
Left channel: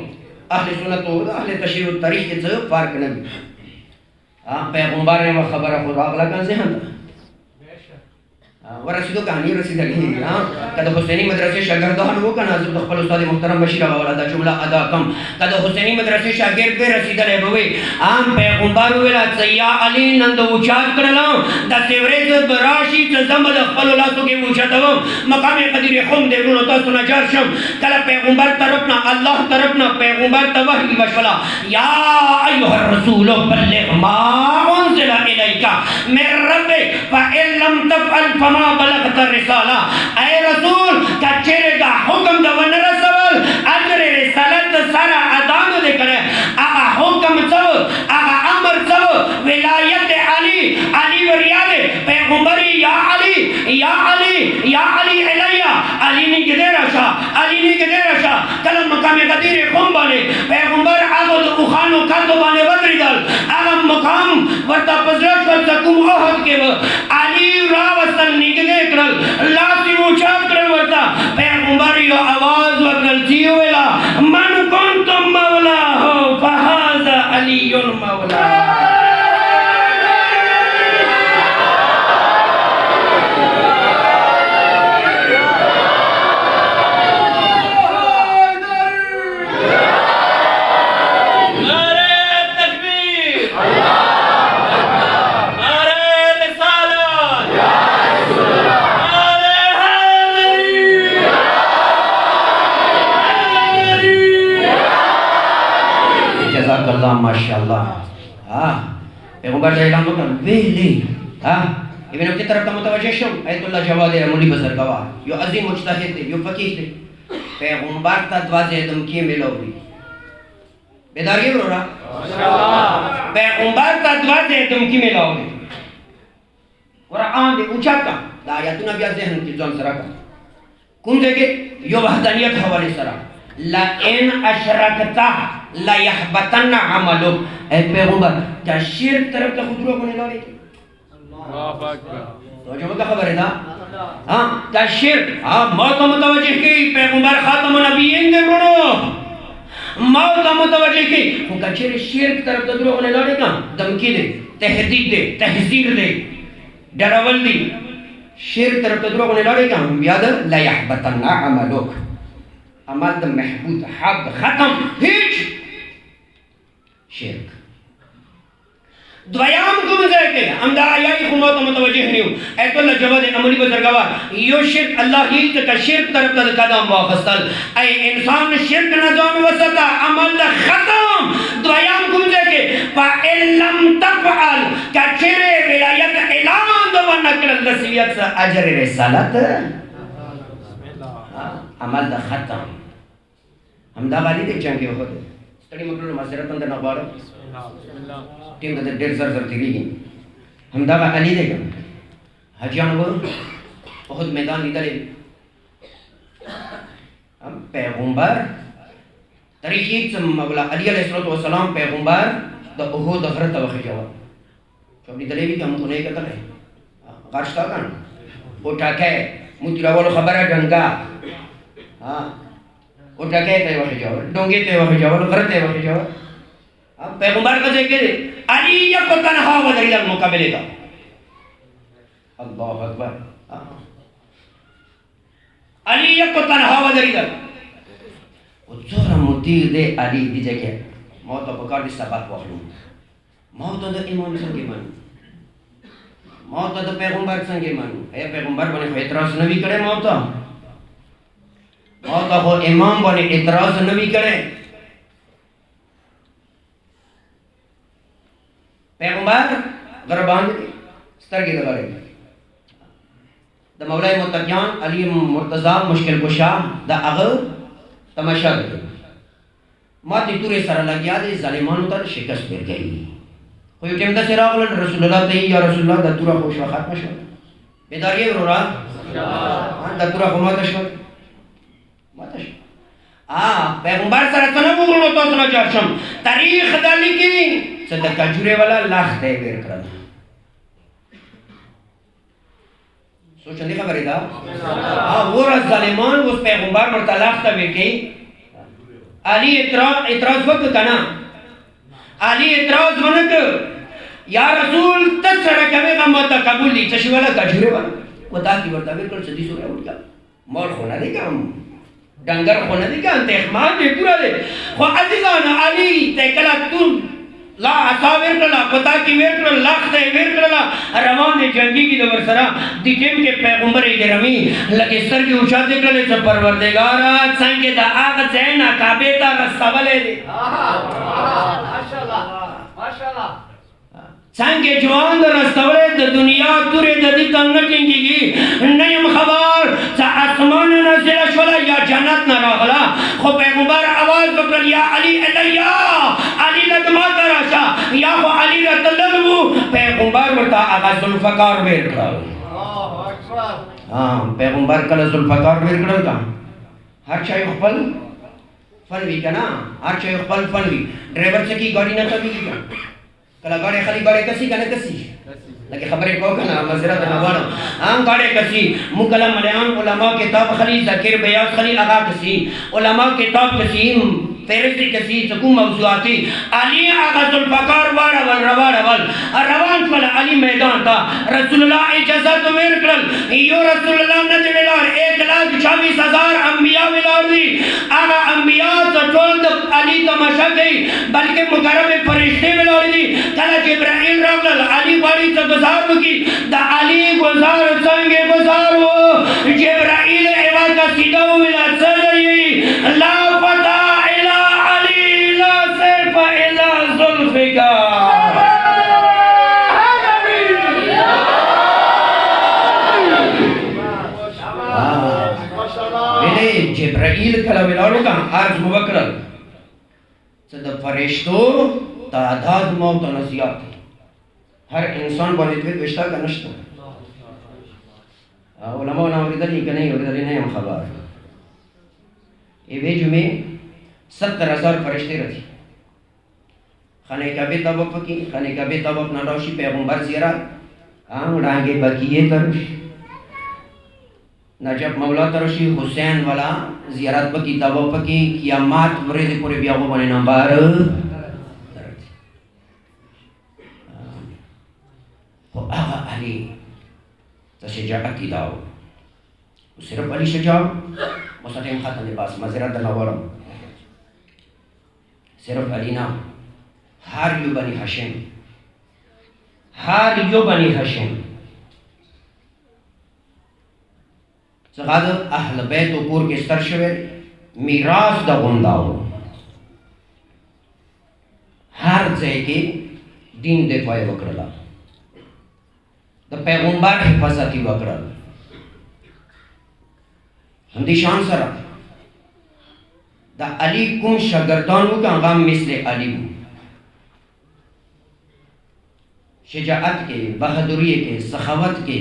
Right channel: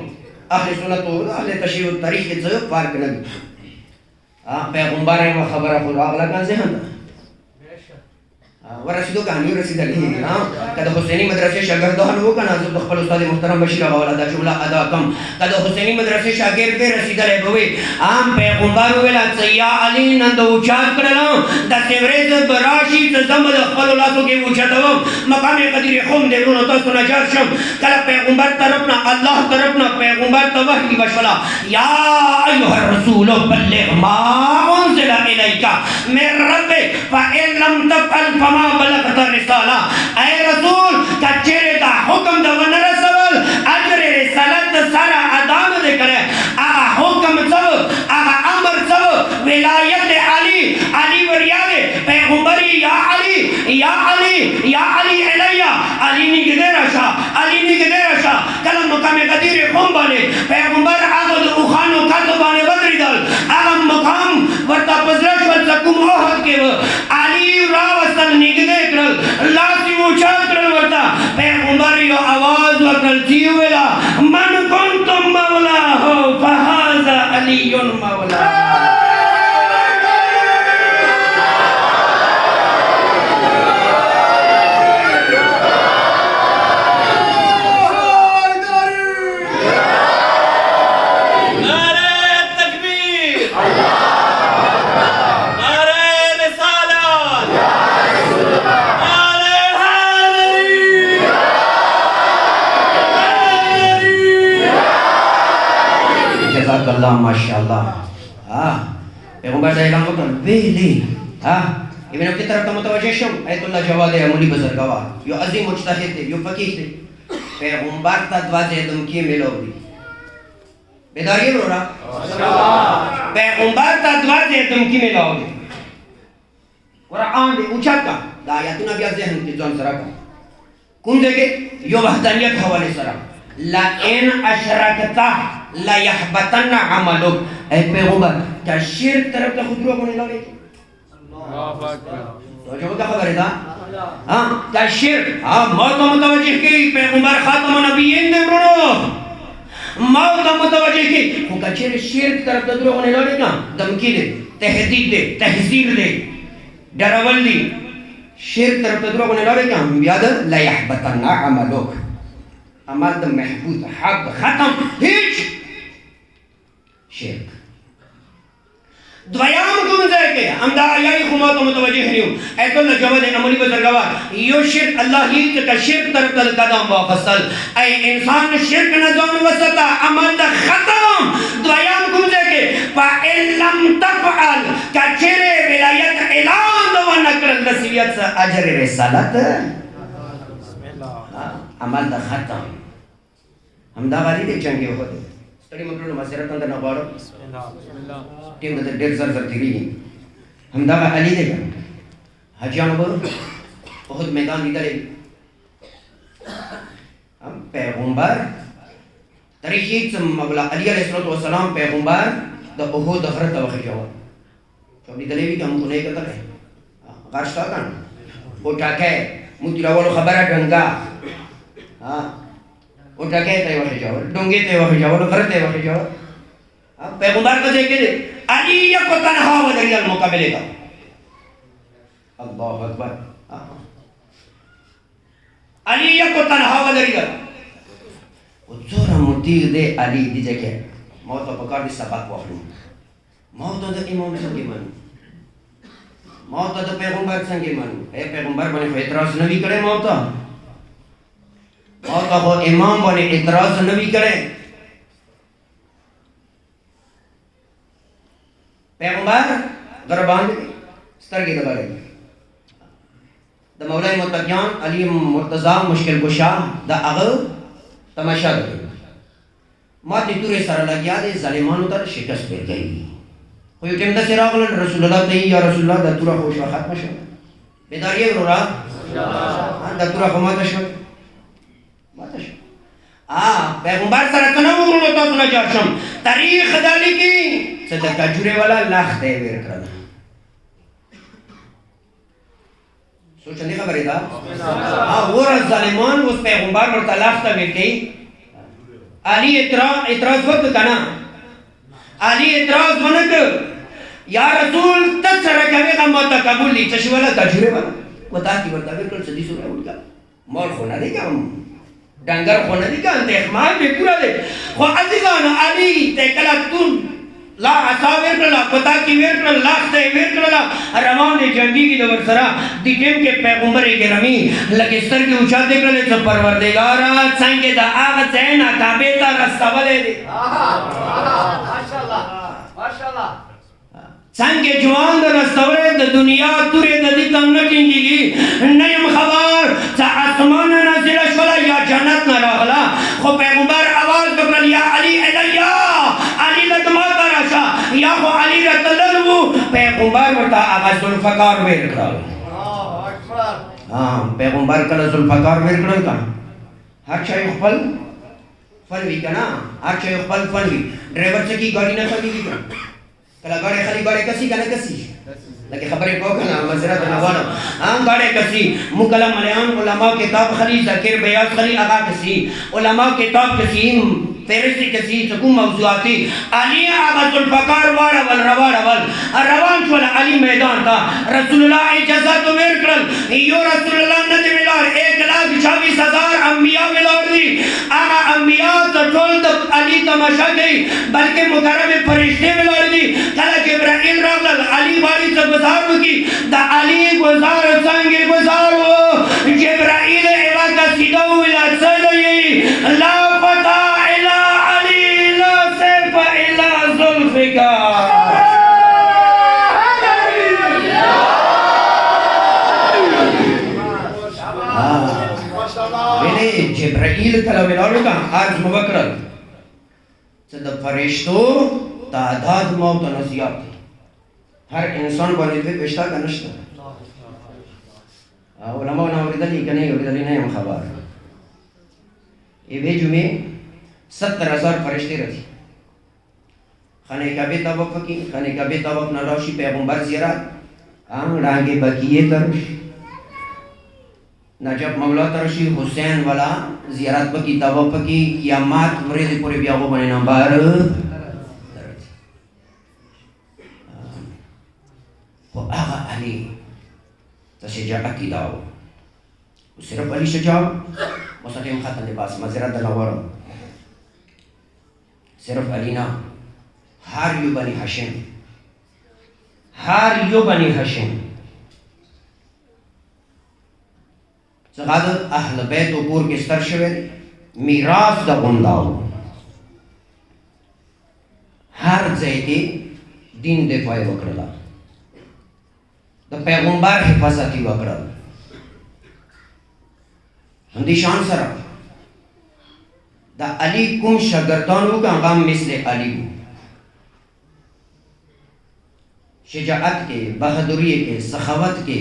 اہل سنتو اہل تشریح تاریخ کے ضیب فارق نبی پیغمبر ہیں وہ خبر خود آغلا کان ذہن ورسیدو کہانی رسید علی کد حسینی مدرسے شاگردان ہو کنا حضرت خپل استاد محترم بشیر آغا دا جملہ ادا کم کد حسینی مدرسے شاگرد پہ رسید علی بوئی عام پیغمبر ویلا سیاء علی نند اوچات کرلام دا سیوریز براشی تزمد خپل اللہ سو کے اوچاتو مقام قدیر خون دے رونو تاسو نجار شم کل پیغمبر طرفنا اللہ طرفنا پیغمبر توحی بشولا یا ایوہ الرسول بلغ ما انزل الیکا من ربک فإن لم تفعل فما بلغت الرسالہ اے رسول کچھرے کا حکم دا ون رسول اجر رسالت سارا ادام دے کرے آغا حکم سب آغا امر سب ولایت علی علی وریاد پیغمبری علی یا علی الیہ علی نگدے رشا علی نگدے رشا کلم مقام قدیر قوم بانے پیغمبر آگو دو اخانو کردو بانے بدری دل اگم مقام ورطا پزرش ورطا کم اوحد کے وہ علی راوستل نگدے کرل لاسی موچاد کرل ورطا پیغمبر یو آواز وکل تیولا من کنتم مولا ہو فہذا علی مولا Allah masyaallah پیغمبر صلی اللہ علیہ وسلم ویلی ابن ابی طرف کا متوجہ شو ایت اللہ جواد عملی بزرگوار یو عظیم مجتہد تھے یو فقیہ تھے پیغمبر تا دواجہ دمکی ملو لی بیداری برو رہا پیغمبر تا دواجہ دمکی ملو لی قرآن دے اونچا کا دا آیاتون ابیات ذہن کی جون سرا کا کن دے کے یو وحدانیت حوالے سرا لَإِنْ أَشْرَكْتَ لَيَحْبَطَنَّ عَمَلُكَ اے پیغمبر کیا شرک طرف کا خود روکنے لو لے کے اللہ اکبر تو جو مدہ خبر ہے نا کیا شرک موت متوجہ کی پیغمبر خاتم نبیین دے برو موت متوجہ کی وہ کیا شرک طرف کا روکنے لو لے کا دمکی دے تحدید دے تحذیر دے ڈراول دی شرک طرف کا روکنے لو لے کا یاد لَيَحْبَطَنَّ عَمَلُكَ عمل دا محبوط حق ختم هیچ شرک دویام کو مزائی کے ہم دا آیائی خموت متوجہ نہیں ہوں ایت اللہ جواد عملی بزرگوار یو شرک اللہ ہی کا شرک طرف کا قدم واپسل اے انسان شرک نظام وسطا عمل دا ختم دویام کو مزائی کے فَإِن لَمْ تَفْعَلْ کچھرے ولایت اعلان دو نکرل رسویت سے اجر رسالت عمل دا ختم ہم دا غالی دے چنگے ہوتے ستڑی مکرون مسیرت اندر نقوارو ٹیم دا دیر زر زر تیری گی ہم دا علی دے گا حجیان برو بہت میدان دیتا لے ہم پیغمبر تاریخیت سے مولا علی علیہ السلام پیغمبر دا احود اخرت وخی جواب کبھی دلے بھی کہ ہم خنے کتا رہے غارشتا کن اٹھا کے مجھے راولو خبر ڈنگا اٹھا کے تے وخی جاور ڈونگے تے وخی جاور غرت تے وخی جاور پیغمبر کو دیکھے دے علی یک تنہا بدری المقابلے کا اللہ اکبر علی یک تنہا بدری کا زورا مطیع دے علی دی جگہ موت و پکار دی سبق وخلوں موت دا امام سنگی منو موت دا پیغمبر سنگی منو اے پیغمبر بنے خو اعتراض نبی کرے موتا موتا ہو امام بنے اعتراض نبی کرے پیغمبر غربان دے سترگی دلالے دا مولا متقیان علی مرتضی مشکل کشا دا اغل تماشا دے ماتی تورے سر لگیا دے ظالمانو تر شکست پیر گئی کوئی ٹیم دا سراغ لن رسول اللہ تی یا رسول اللہ دا تورا خوش و ختم شو بیداریے برو را دا تورا خو ماتا شو پیغمبر سر کنو گرونو تو سنا جارشم تاریخ دا لکی سے دا کجورے والا لاخ دے ویر کرنا سوچا نہیں خبری دا وہ رز ظالمان اس پیغمبر مرتا لاخ تا ویر کی علی اعتراض وقت کنا علی اعتراض ونک یا رسول تک سر کبھی غم موتا قبول لی چشی والا کجورے والا وہ تاکی برتا ویر کر صدی سورہ اٹھ گیا مول خونا دے گا ڈنگر خونا دے گا انتے اخمار دے پورا دے خو عزیزان علی تے کلا تون لا عصا ویر کرلا پتا کی ویر کرلا لاخ تے ویر کرلا روان دے جنگی کی دور سرا دیکھیں کہ پیغمبر گرامی لگے سر کی اچھا دے کرلے تو پروردگارا سنگے دا آغا زینا کعبے تا رستہ والے دے ماشاءاللہ سنگے جوان دا رستہ والے دا دنیا تورے دا دیتا نٹنگی گی نیم خبر سا آسمان نازل شولا یا جنت نراغلا خو پیغمبر آواز بکرل یا علی علیہ علی ندمات راشا یا خو علی رتلنو پیغمبر ورطا آغا ذوالفقار ویر کرل پیغمبر کله ذوالفقار ورکړل کا هر چا یو خپل فن وی کنا هر چا یو خپل فن وی ډرایور څه کی ګاډي نه کوي کله ګاډي خالي ګاډي کسي کنه کسي لکه خبرې کو کنه مزرعه نه وانه هم ګاډي کسي مکلم مليان علماء کتاب خلی ذکر بیاض خلی اغا کسي علماء کتاب کسي فهرست کسی سکو موضوعاتی علی آغا ذوالفقار وارا ول روارا ول روان شول علی میدان تا رسول اللہ اجازت ورکړل یو رسول اللہ ندی ولار 1,26,000 انبیاء ولار دی آغا انبیاء تا ټول د علی تماشا کوي بلکې مکرم فرشتے ولار دی کله جبرائیل راغلل علی باندې څه گزار وکي د علی گزار څنګه گزار و جبرائیل ایوا کا سیدا ویلا څه لا پتا جبرائیل کله ولاړو کا عرض موکړل چې د فرشتو تعداد موت نه زیات دی هر انسان باندې دوی پښتا کنهشته علماء نه اوریدلې کنه اوریدلې نه هم خبر ایوه جمعه 70,000 فرشتي راځي خانه کعبه طواف کی خانه کعبه طواف نه راشي پیغمبر زیارت وړاندې بقیه ترش نجف مولا ترشی حسین والا زیارت پکی طواف کی قیامت ورځې پورې بیا و باندې نمبر خو هغه علي ته شجاعت داو صرف علي شجاع مستقیم ختم دی پاس مزرعه دلاورم صرف علی نه هر یو بنی هاشم څنګه اهل بیت او کور کې ستر شوی میراث د غونداو هر ځای کې دین دفاع وکړه د پیغمبر حفاظت وکړه هم دي شان سره دا علی کوم شاگردانو کا غام مثل علی شجاعت کے بہادری کے سخاوت کے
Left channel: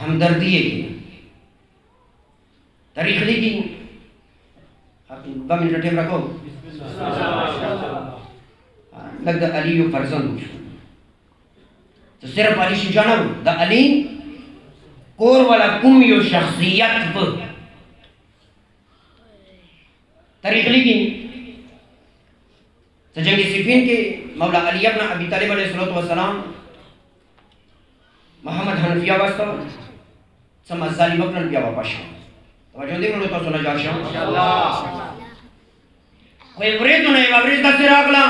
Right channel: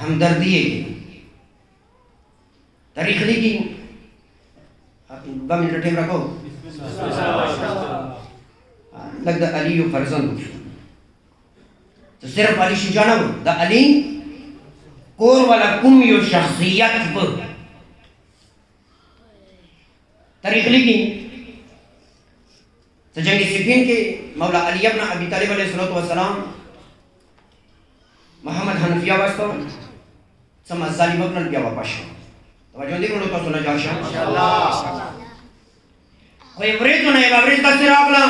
ہمدردی کے تاریخ لکھی آپ 2 منٹ ٹائم رکھو لگتا علی یو فرزند تو صرف علی شجاعت دا علی کور والا کم یو شخصیت پر تاریخ لکھی تو جنگ صفین کے مولا علی ابن ابی طالب علیہ السلام محمد حنفیہ واسطہ سما ظالم ابن بیا واپس توجہ دې ورته تاسو نه جار شم انشاءالله خو ورته نه ورته تاسو راغلا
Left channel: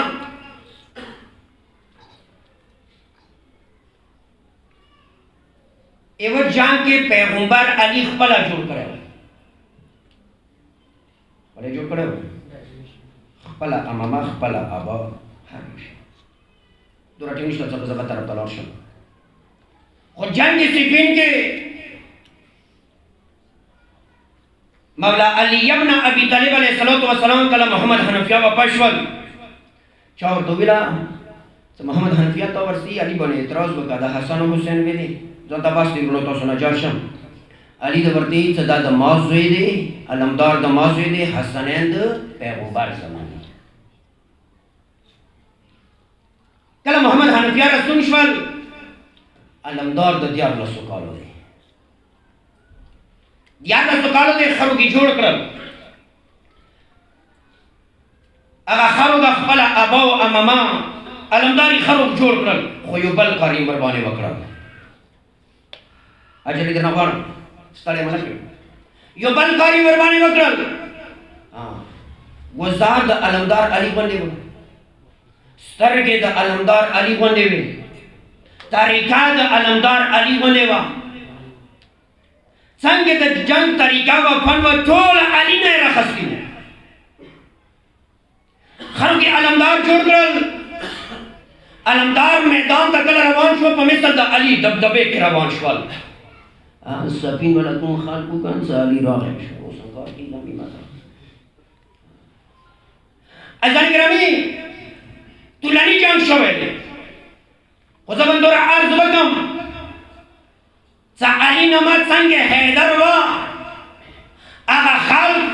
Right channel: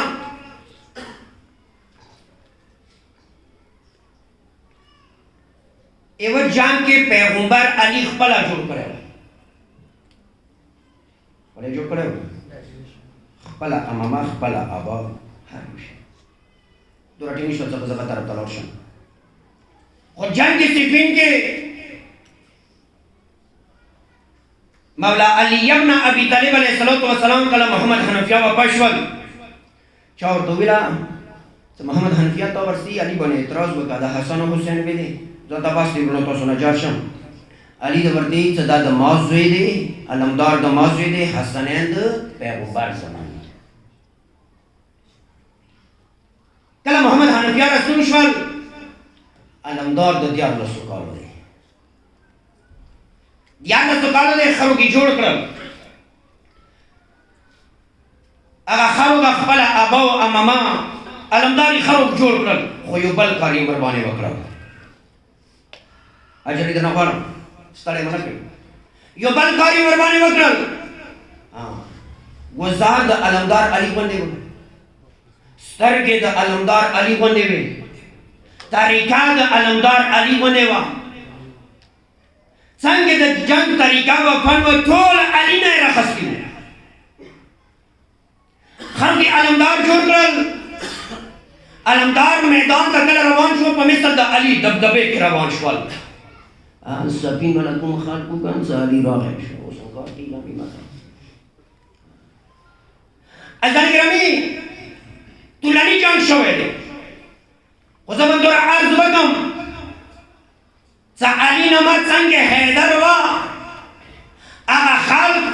ایو جان کې پیغمبر علی خپل جوړ کړو ولې جوړ کړو خپل امامه خپل ابا هر شي دورته نشو څه څه طرف تلور شم خو جنگ صفین کې مولا علی ابن ابی طالب علیہ السلام کله محمد حنفیہ واپس شول چا ورته ویلا چې محمد حنفیہ ته ورسی علی باندې اعتراض وکړ د حسن او حسین ویلي ځکه تاسو دې ورته تاسو نه جار شم علی د ورته چې دا د مازوی دی علمدار د مازوی دی حسنین د پیغمبر زمانه کله محمد حنفیہ رسول شول علمدار د دیار سوکالو دی دیار سوکالو دی خرو کی جوړ کړل هغه خرو د خپل ابا او اماما علمداري خرو جوړ کړل خو یو بل کاری قرباني وکړل اجر دې نه وړ ستړي منکه یو بل کاری قرباني وکړل وزار د علمدار علی باندې سترګې د علمدار علی باندې وي طریقہ د علمدار علی باندې وا څنګه د جنگ طریقہ و فن و ټول علی نه راخستي خلک علمدار جوړ کړل علمدار میدان ته کله روان شو په مثل د علی دبدبه کې روان شول سفین ولکم خلقو کان علی راغی شو څنګه کې لمبي ماته اذان گرامی طولانی جنگ شوه دی خو زمان دور عرض بکم علی نمت سنگ حیدر و اغا خلق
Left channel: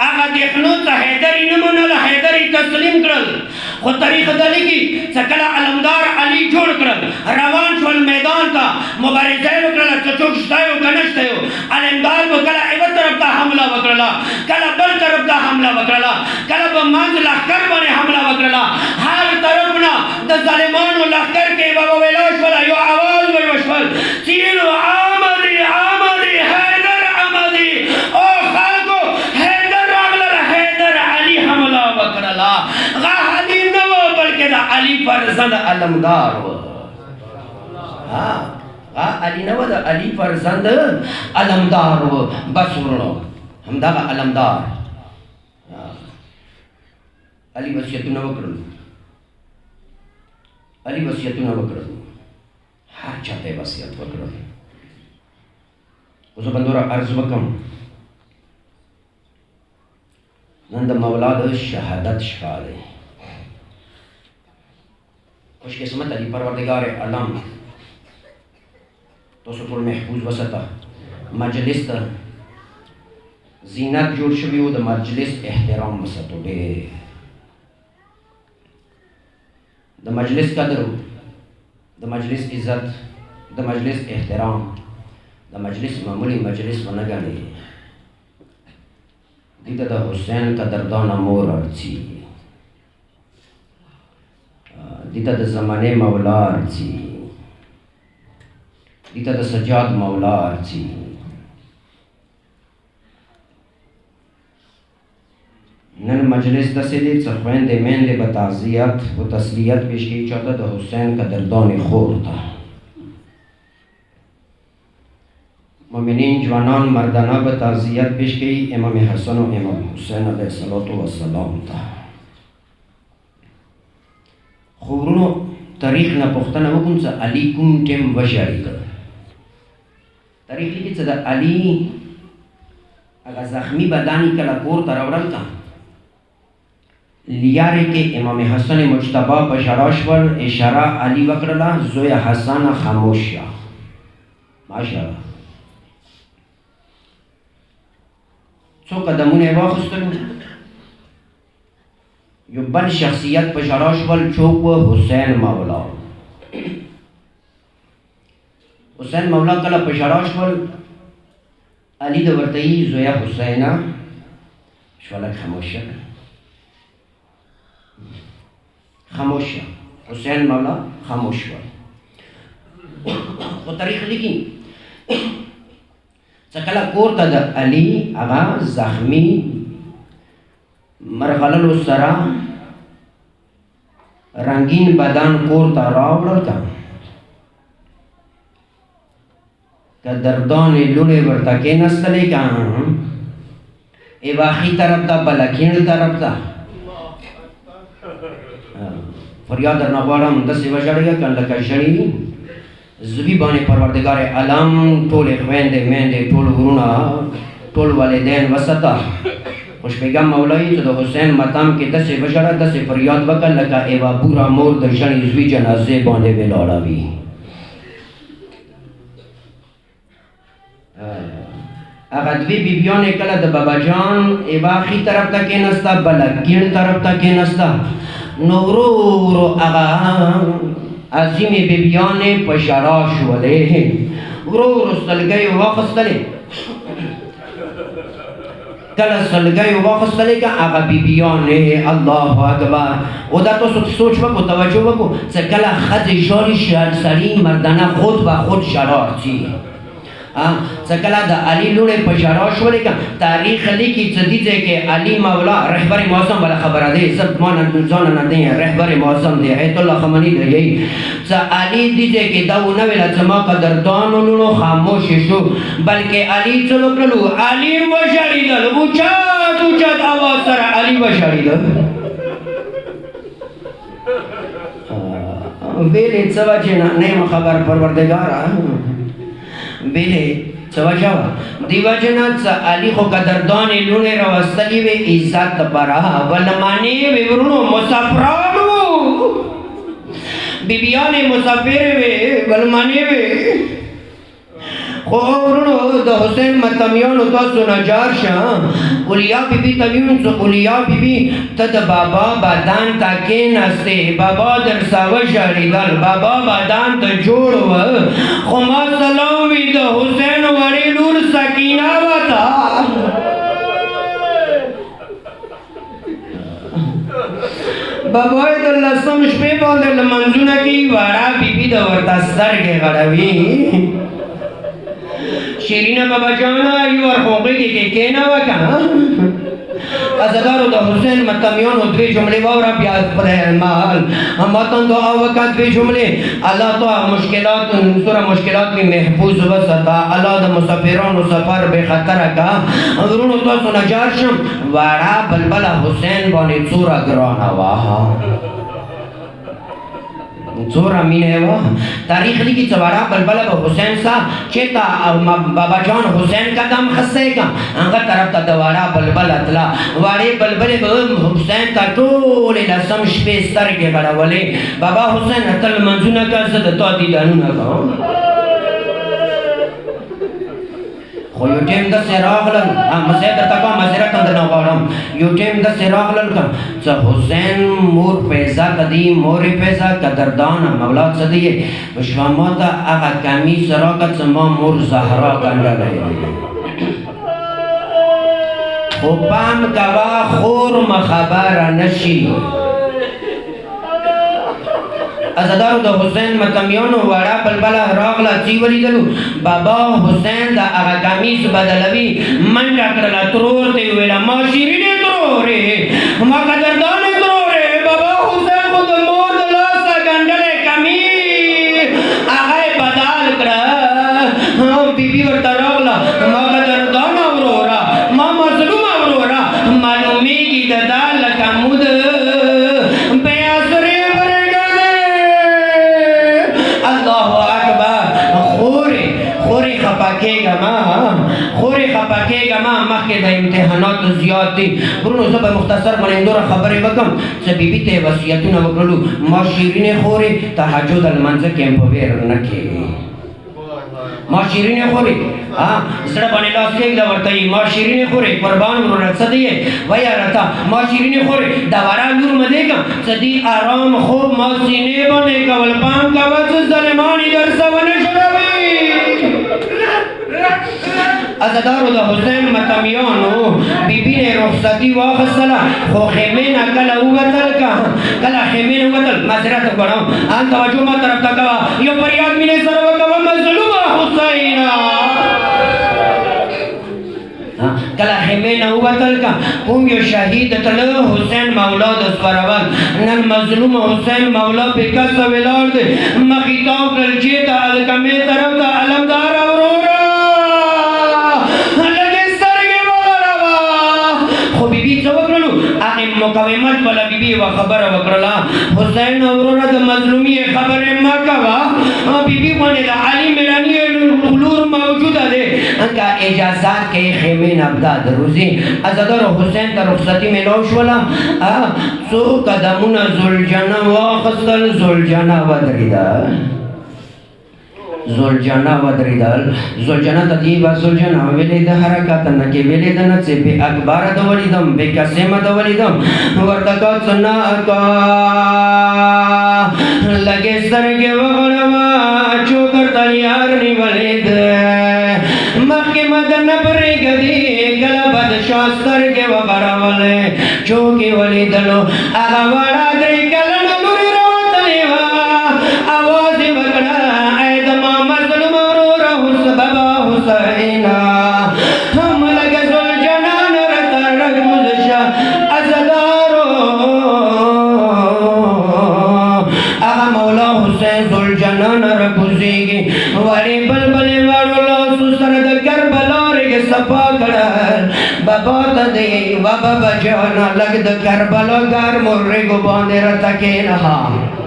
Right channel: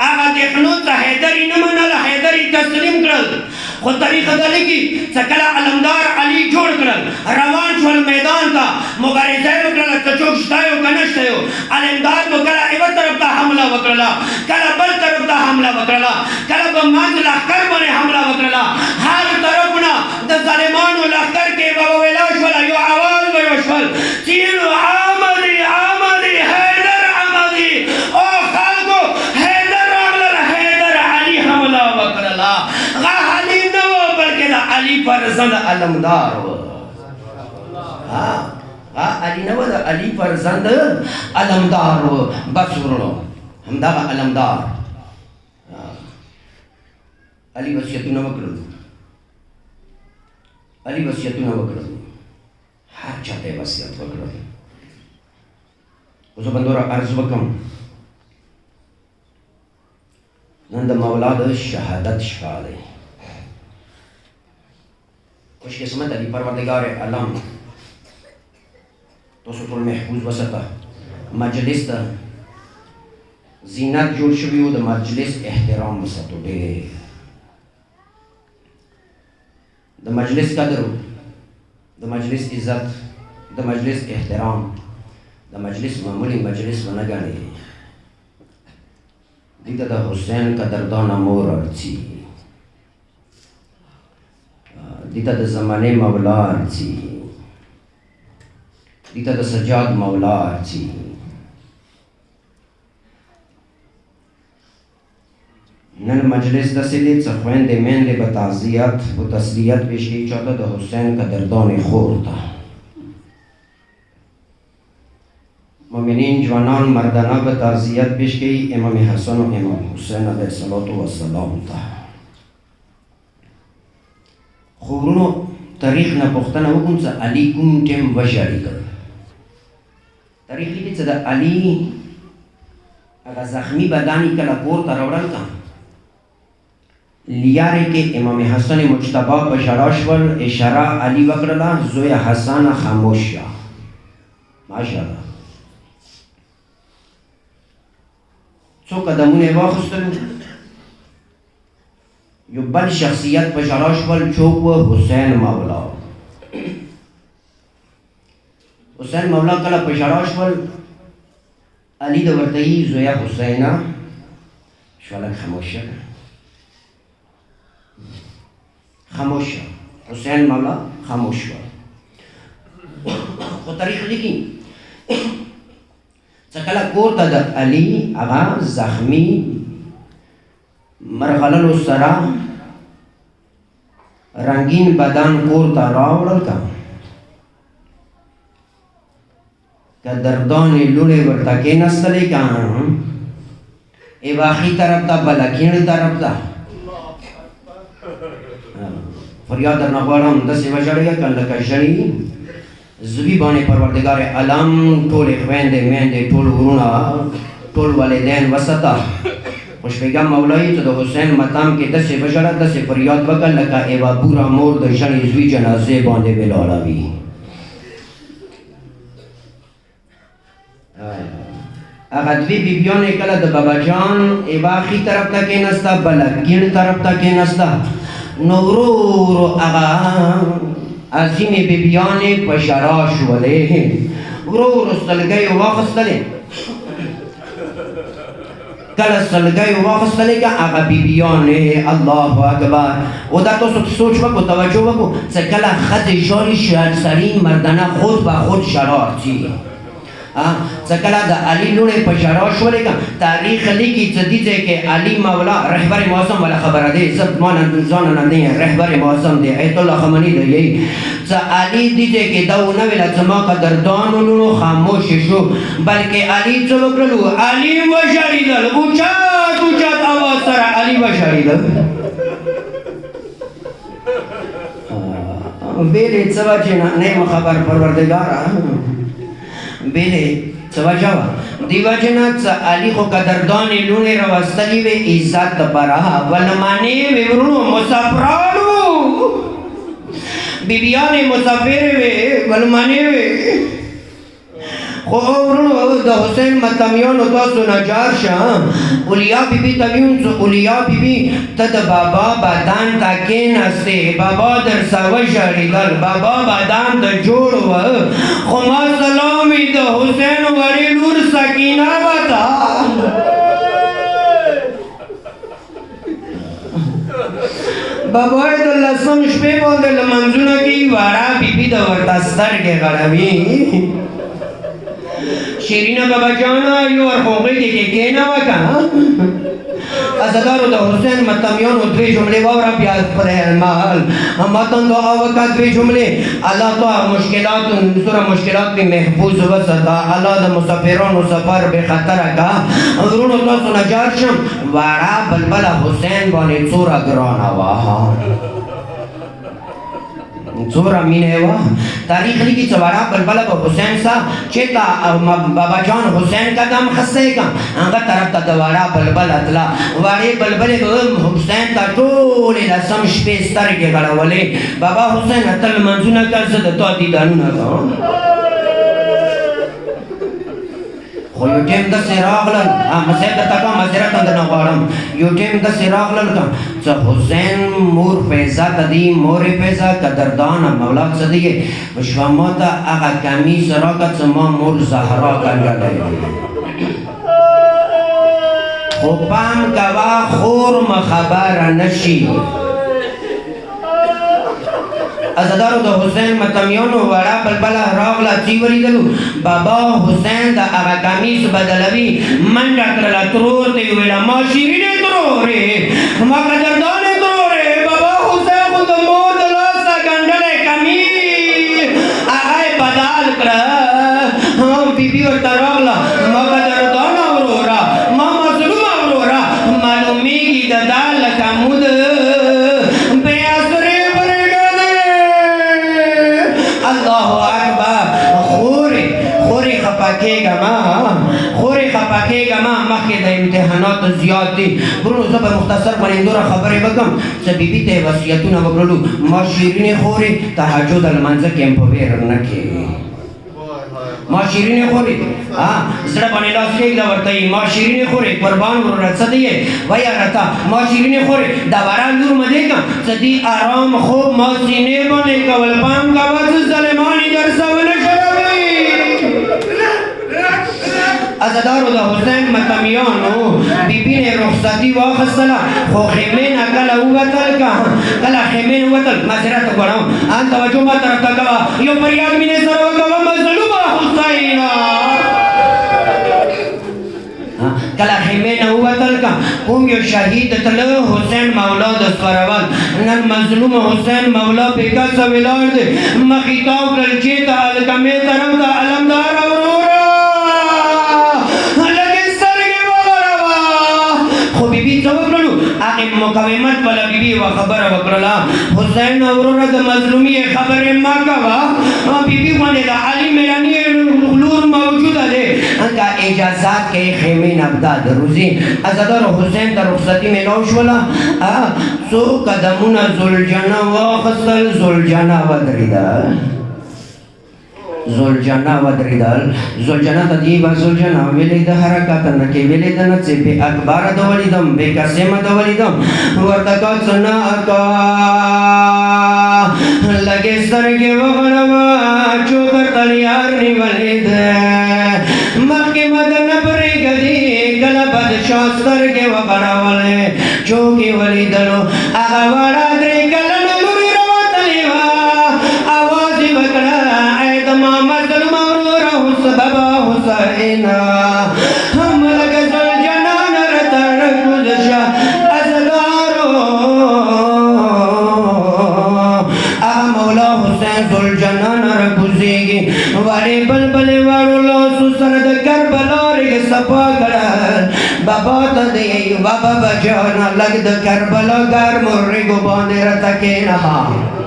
اغا دیخنو تا حیدری نمنل حیدری تسلیم کرل خود طریقه دلی کی سکل علمدار علی جوڑ کرل روان شول میدان تا مبارزه وکرل چچوک شتایو کنشتایو علمدار بکلا ایو طرف تا حملہ وکرلا کلا بل طرف تا حملہ وکرلا کلا بمانز لخکر بنے حملہ وکرلا ہر طرفنا دا ظالمانو لخکر کے بابا ویلاش والا یو آواز ویوشول چیلو آمدی آمدی حیدر آمدی او خلقو حیدر اغلر حیدر علی حملہ وکرلا غا علی نو بلکہ دا علی فرزند علمدار و علی نو دا علی فرزند علمدار و بس ورنو ہم دا علمدار علی وصیتو نو کرلو علی وصیتو نو کرلو ہر چاہتے وصیت وکرلو اسو بندورا عرض وکم نند مولاد شہادت شفا دے خوش قسمت علی پروردگار علم تو سطور محفوظ وسطا مجلس تا زینت جوڑ شویو دا مجلس احترام وسطو دے دا مجلس قدر دا مجلس عزت دا مجلس احترام دا مجلس معمولی مجلس ونگانی دیتا دا حسین قدردان مور ارچی دیتا دا زمانے مولا ارچی دیتا دا سجاد مولا ارچی نن مجلس دا سیدی چخوین دے مین دے بتعزیت و تسلیت پیشکی چاہتا دا حسین قدردان خور تا مومنین جوانان مردانہ بتعزیت پیشکی امام حسن و امام حسین علیہ السلام تا خبرونو تاریخ نا پختنا وکن سا علی کم ٹیم وشاری کر تاریخ لیکن سا دا علی اگا زخمی بدانی کلا کور تراورل تا لیارے کے امام حسن مجتبہ بشاراشور اشارہ علی وکرلا زوی حسن خاموشیا ماشاءاللہ سو قدمون واخستلو یو بل شخصیت بشاراشور چوک و حسین مولا حسین مولا کلا بشاراشور علی دورتئی زوی حسینہ شوالک خاموشیا خاموش حسین مولا خاموش ہوا وہ تاریخ لکھی چکلا کور تا دا علی اغا زخمی مرغلل سرا رنگین بدن کور تا راولل کا دردان لونے ورتاکے نستلے کا ای واقعی طرف تا بلکین طرف تا فریاد در نغوارم دستی وجڑے گا کن لکا جڑی زبی بانے پروردگار علم ٹول اخوین دے مین دے ٹول غرونا ٹول والدین وسطا خوش پیغم مولائی تو دا حسین مطام کے دستی وجڑا دستی فریاد وکن لکا ایوا بورا مور در جڑی زوی جنازے باندے بلالا بھی اگر دوی بیبیان کلا دا بابا جان ایوا خی طرف تا کے نستا بلکین طرف تا کے نستا نورو اغا عظیم بیبیان پشراش ولے ورور سلگئی واخستلے کل سلگئی واخستلے کا اغا بیبیان اللہ اکبر او دا تو سوچ بکو توجہ بکو سکلا خط جاری شہر سری مردانہ خود با خود شرار چی سکلا دا علی لونے پشاراش ہو لیکن تاریخ لکھی جدیدے کہ علی مولا رہبر موسم والا خبر دے سب مانا دلزانا دیں رہبر موسم دے ایت اللہ خمانی دے یہی سا علی دیدے کہ دو نویلا زما قدردان لونو خاموش شو بلکہ علی چلو کرلو علی وشاری دل وچات آواز سر علی وشاری دل بیلے سوا جینا نیم خبر پروردگارا بیلے سوچاوا دیوا جنات سا علی خو قدردان لونے روستلی وے عزت برا ونمانی وے ورنو مسافرانو بیبیان مسافر وے ونمانی وے خو ورونو د حسین متمیانو تاسو نجار شه اولیا بی بی تبیون سو اولیا بی بی تد بابا بادان تا کیناسته بابا در ساوه شاریدل بابا بادان تا جوڑ و خو ما سلامی د حسین وری نور سکینه وطا بابای د لسم شپې باندې لمنځونه کوي واړه بیبي د ورته سترګې غړوي شیرینه بابا جانا یو ورخوږې کې کېنه وکنه ازادارو د حسین متمیانو دوی جملې واوره بیا خپل مال ماتن دعا وکړه دوی جملې الله تو مشکلات سره مشکلات می محفوظ وساته الله د مسافرانو سفر به خطر کا ورونو تاسو نجار شم واړه بلبل حسین باندې څوره ګرانه واه څوره مینه وا تاریخ لیکي چې واړه بلبل به حسین صاحب چې تا بابا جان حسین قدم خسته کا هغه طرف ته واړه بلبل اتلا واړې بلبل به حسین ته ټول لسم شپې سترګې غړولې بابا حسین تل منځونه کړه د تو دي دانونه کوم خو یو ټیم د سراغلن مزه د تکا مزرت اندر غواړم یو ټیم د سراغلن کوم چې حسین مور پیسا کدی مور پیسا قدردان مولا صدی وشما ته هغه کمی سراغت ما مور زهرا کنده خو پام کوا خور مخبر نشي ازادارو د حسین متمیانو واړه بلبل راغله چې ولیدلو بابا حسین د هغه کمیس بدلوي منډه کړله ترور ته یې ویله ما شیرینې ترورې ما قدردانې ترورې بابا حسین خو د مور د لاسه ګنډلی کمیس هغه یې بدل کړه بیبي ورته راغله ما قدردانه وروره ما مظلومه وروره معلومیږي د دا لکه مود مخکې د امتحاناتو زیات دي ورونو زه به مختصر باندې دوره خبرې وکړم چې بیبي ته یې وصیتونه وکړلو ما شیرینې خورې تهجد لمانځه کې هم په ویر نه کښېږي ما شیرینې خورې زړه باندې لاس کېږده ورته وي ما شیرینې خورې قربان ورونه څه دی یې وایه راته ما شیرینې خورې د ورا لور مه دیږم څه دي ارام خوب ما سینې باندې کول پام کوه څه ظالمان یې در څه ونه شړوي ازادارو د حسین متمیانو بیبي نه رخصتي واخیستله خو خیمې نه کله ووتل کله خیمې نه ووتل معذرت غواړم ان توجه ما طرف ته کوه یو فریاد مینې سره وکوه مظلومه حسینه کله خیمې نه ووتل کوم یو شهید تله حسین مولا د سپرول نن مظلوم حسین مولا په کاسه ولاړ دی مخې تاو کړل چې ته هلکمې طرف ته علمدار مقاومت والا بیبي و خبره وکړله حسین وروره د مظلومي خبرې مه کوه بیبي باندې د علي میراني لور موجوده دی که اجازات کوي خیمې نبدا د روزي ازادارو حسین ته رخصتي میلاو شوله څو قدمونه زلجنه واخیستل زلجنه ودرېده زلجنه ودرېدل زلجنه ته دې به زلجنه ویلې د حرکت نه کې ویلې د نه چې بې اکباره د ولیدم بې قسمه د ولیدم ورته کا څه نه اکا لږې سترګې وغړوه چوکر ته یار نیولې ده مخکې مده نه پرېږدي کله بادشاه سترګې وغړولې چوکې ولیدلو هغه وړه درې کلنې لورې راوتلې وه اواز یې وکړه مظلوم وروره بابا حسین هم لکه زلجنان راته راکوز شه ازادارو هغه مولا حسین زلجنان راکوزېږي وړې بلبلې واړو لاسو سره د کربلا رګې صفا کړل بابا ته دی بابا جانه لږ د کربلا ګرمو رګو باندې راته کښېنه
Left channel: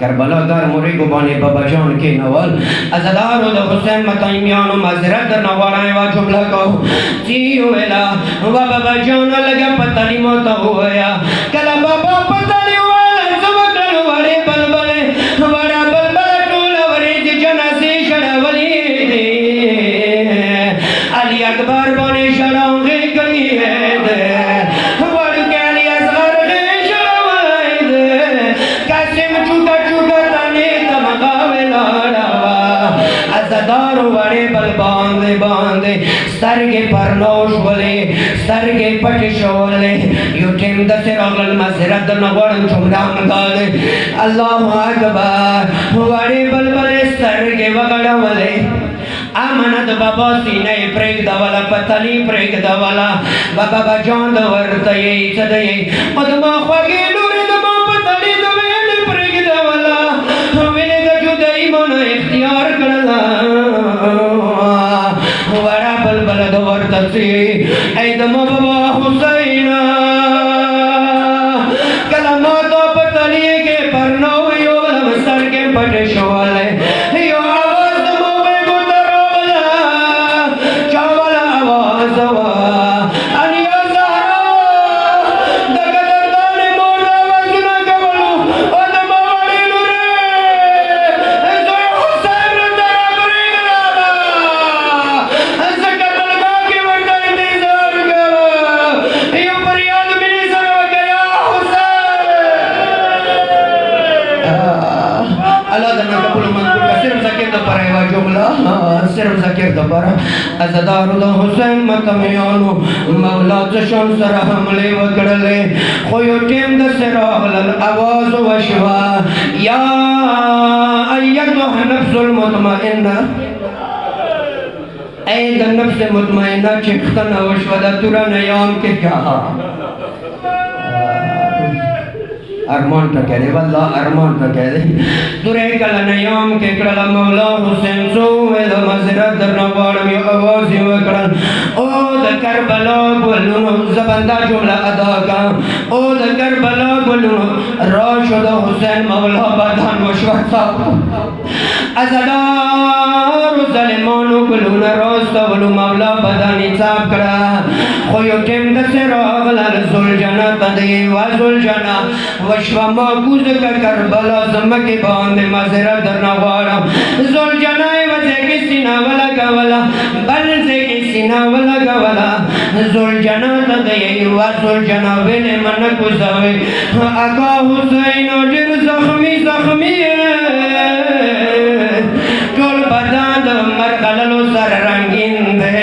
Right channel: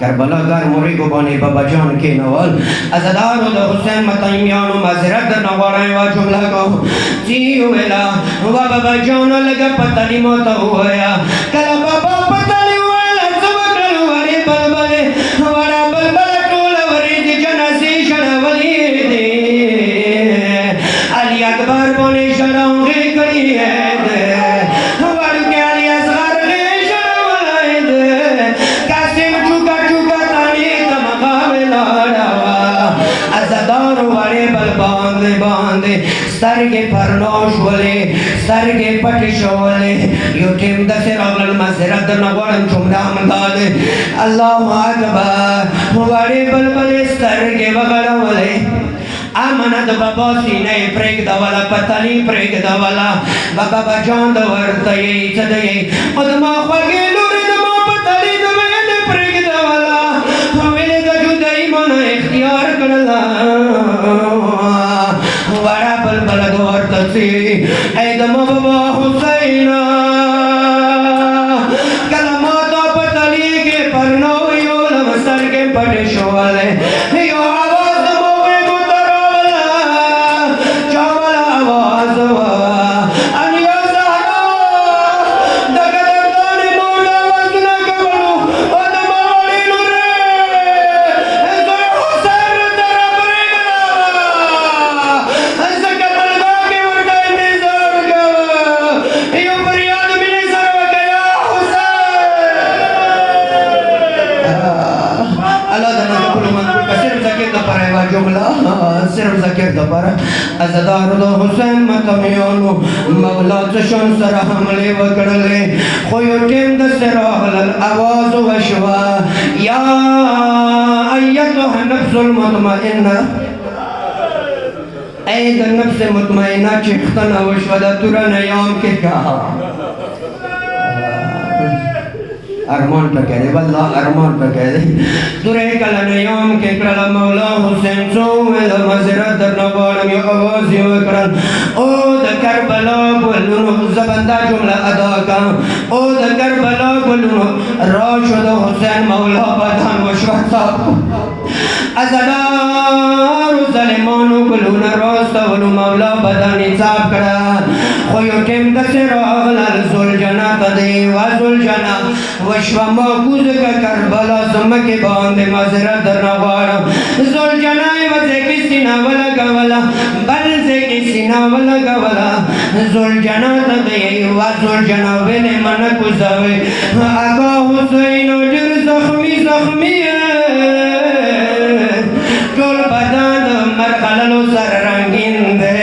کربلا ګر مریګو باندې بابا جان کېنول ازادارو د حسین متمیانو معذرت درنه غواړم یوه جمله کوم چې ویله بابا جان لږه په تعلیمو ته ووایه کله بابا په تعلیم وویله څه وکړل وړې بلبلې وړه بلبله ټوله وریځې جنازې شړولې دي باندې سترګې پرنوش ولې سترګې پټې شولې یو ټیم د سراغل مسرت د نغړم جمله مګاله الله اکبر وړې بلبل سترګې وغړولې امانت بابا سینه پرېګ دا والا پتلی پرېګ دا والا بابا بجان دا ورته یې څه دی او د ما خوږې لور د ما پتلی د ویل پرېګ دا والا ویل د جدای مون اختیار کړلا وړا بلبل دا ورته سي اې د ما بابا حسین کلمات پتلی کې پرنو یو لمسر کې پټ شواله یو صرف ذکر دپاره ازدارو د حسین متمیانو مولا چشم سره حملې وکړلې خو یو ټیم د سراغلل اواز وشوه یا ایتها النفس المطمئنه ای د نفس مطمئنه چې ښکته وشوه د توره نیام کې کیا ارمان کا کہہ دے واللہ ارمان کا کہہ دے درے کل نیام کے کرل مولا حسین سو ویل مزرد در نوارم یا آوازی وکرن او دا کربلا بولنو زبندہ جملہ ادا کا او دا کربلا بولنو راشد حسین مولا بدان وشوت صاحب ازدار ظلمانو بولون راست ولو مولا بدانی صاحب کرا خویو کم دسر آغلال زل جنا تدی وزل جنا وشوا موکوز کا کربلا زمک باندے مزرد در نوارم زل جنائی وزے کی سینہ ولا گولا بل سے کی سینہ ولا گولا زل جنا تدی وزل جنا وینے من کسوے آقا حسین جر زخمی زخمی ٹول بدان مرغللو سر رنگین دے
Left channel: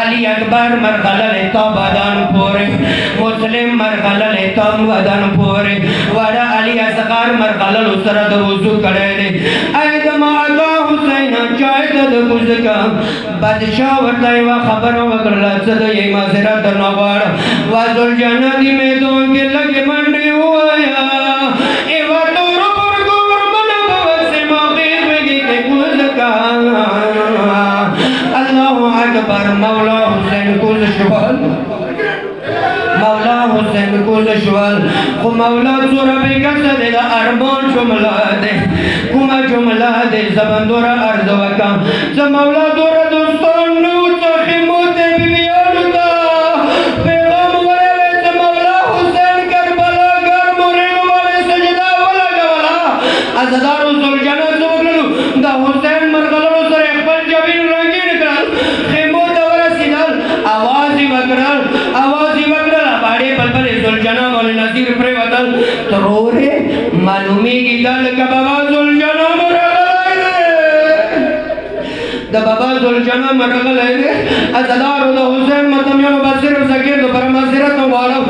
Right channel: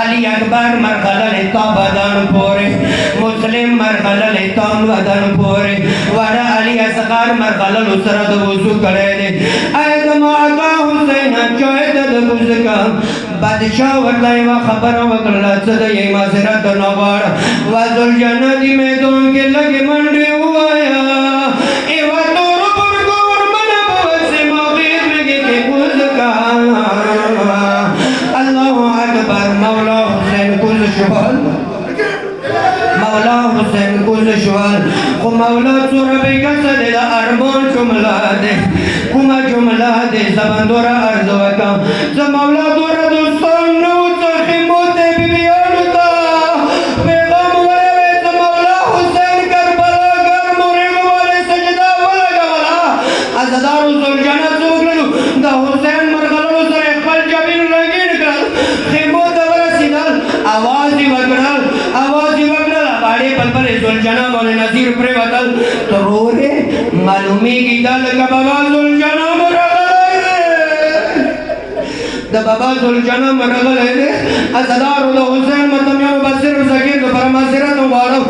علی اکبر مرغلل تا بدان پورے مسلم مرغلل تا بدان پورے وڑا علی اصغر مرغلل سر د وضو کړه دے اې د ما حسین چاید د بوزکا بادشاہ ورته وا خبر وکړه چې د یې معذرت نه وړ وذل جنت میدان کې لګې منډي وایا ای و تور پر ګور من بوس مغیر کې بوزکا الله اکبر مولا حسین کول شوال مولا حسین کول شوال خو مولا زور به کړه د ارمان جمله ده کومه جمله ده زبندور ارز وکم ز مولا دور دوستان نو څخه موته بیان تا پیغام ورې ز مولا حسین کربلا ګر مورګ والے سجدا ولا غلا ازدارو زل جنت وګلو دا حسین مرغلو سره خپل جبین رنگین کړل خیمو ته ورسینل आवाज وکړل باړې بلبل زل جنا مول نذیر پر وتل ترورې معلومی کی دل کا بابا زل جنا د بابا زل جنا مرغلې ازدار د حسین متمیو بصیر زګیر د فرماسرت وړو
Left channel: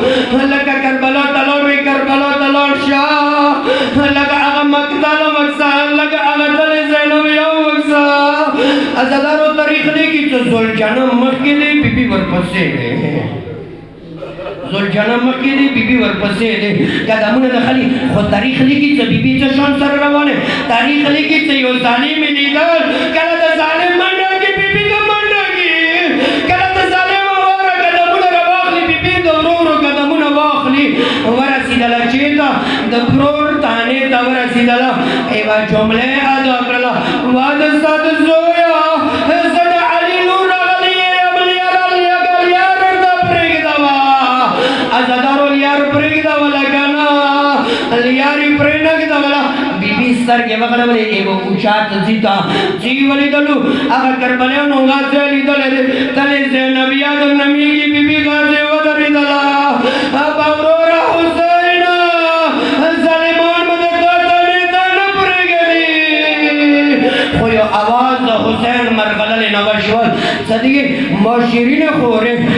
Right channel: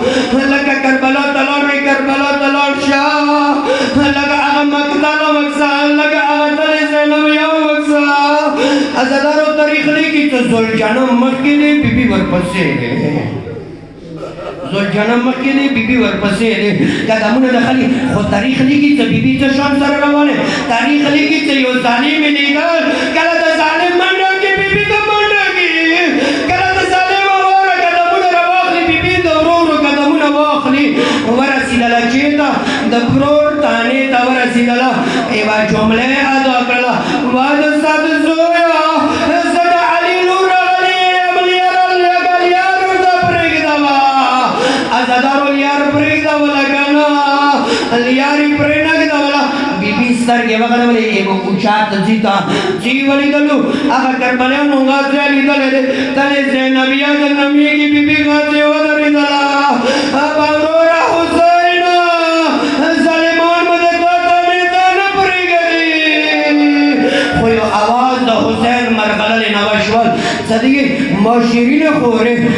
لکه کربلا تلور شاه لکه هغه مقتل وکسا لکه هغه تل زینب یو وکسا ازدار تاریخ لیکي چې زل جنا مخکې دی بیبي ورپسې دی زل جنا مخکې دی بیبي ورپسې دی قدمونه د خلی خو تاریخ لیکي چې بیبي څه شان سره روانه تاریخ لیکي چې یو ظالم لیدل کله د ظالم منډه کې بیبي د منډه کې کله د ظالم وره قدمونه راواخلي بیبي د ورورو قدمونه واخلي ورسېدله چېرته د پرور تانې ته ورسېدله یوه جمله ادا کړله واده سات زویا لیاری پرینگ دولا بی بی سترگی وغلولی ایگو اوچات زیتا جیولی دلو اگا کربلیانو غازی علی دلی تلی زینبیات نمی کی بی بی غازی ودری دلا بابرور حسین ظلمان مدے کوتا نیتان پرگی خویو آواز دا حسین مرغلل نوشول صدیق ماشرین خوره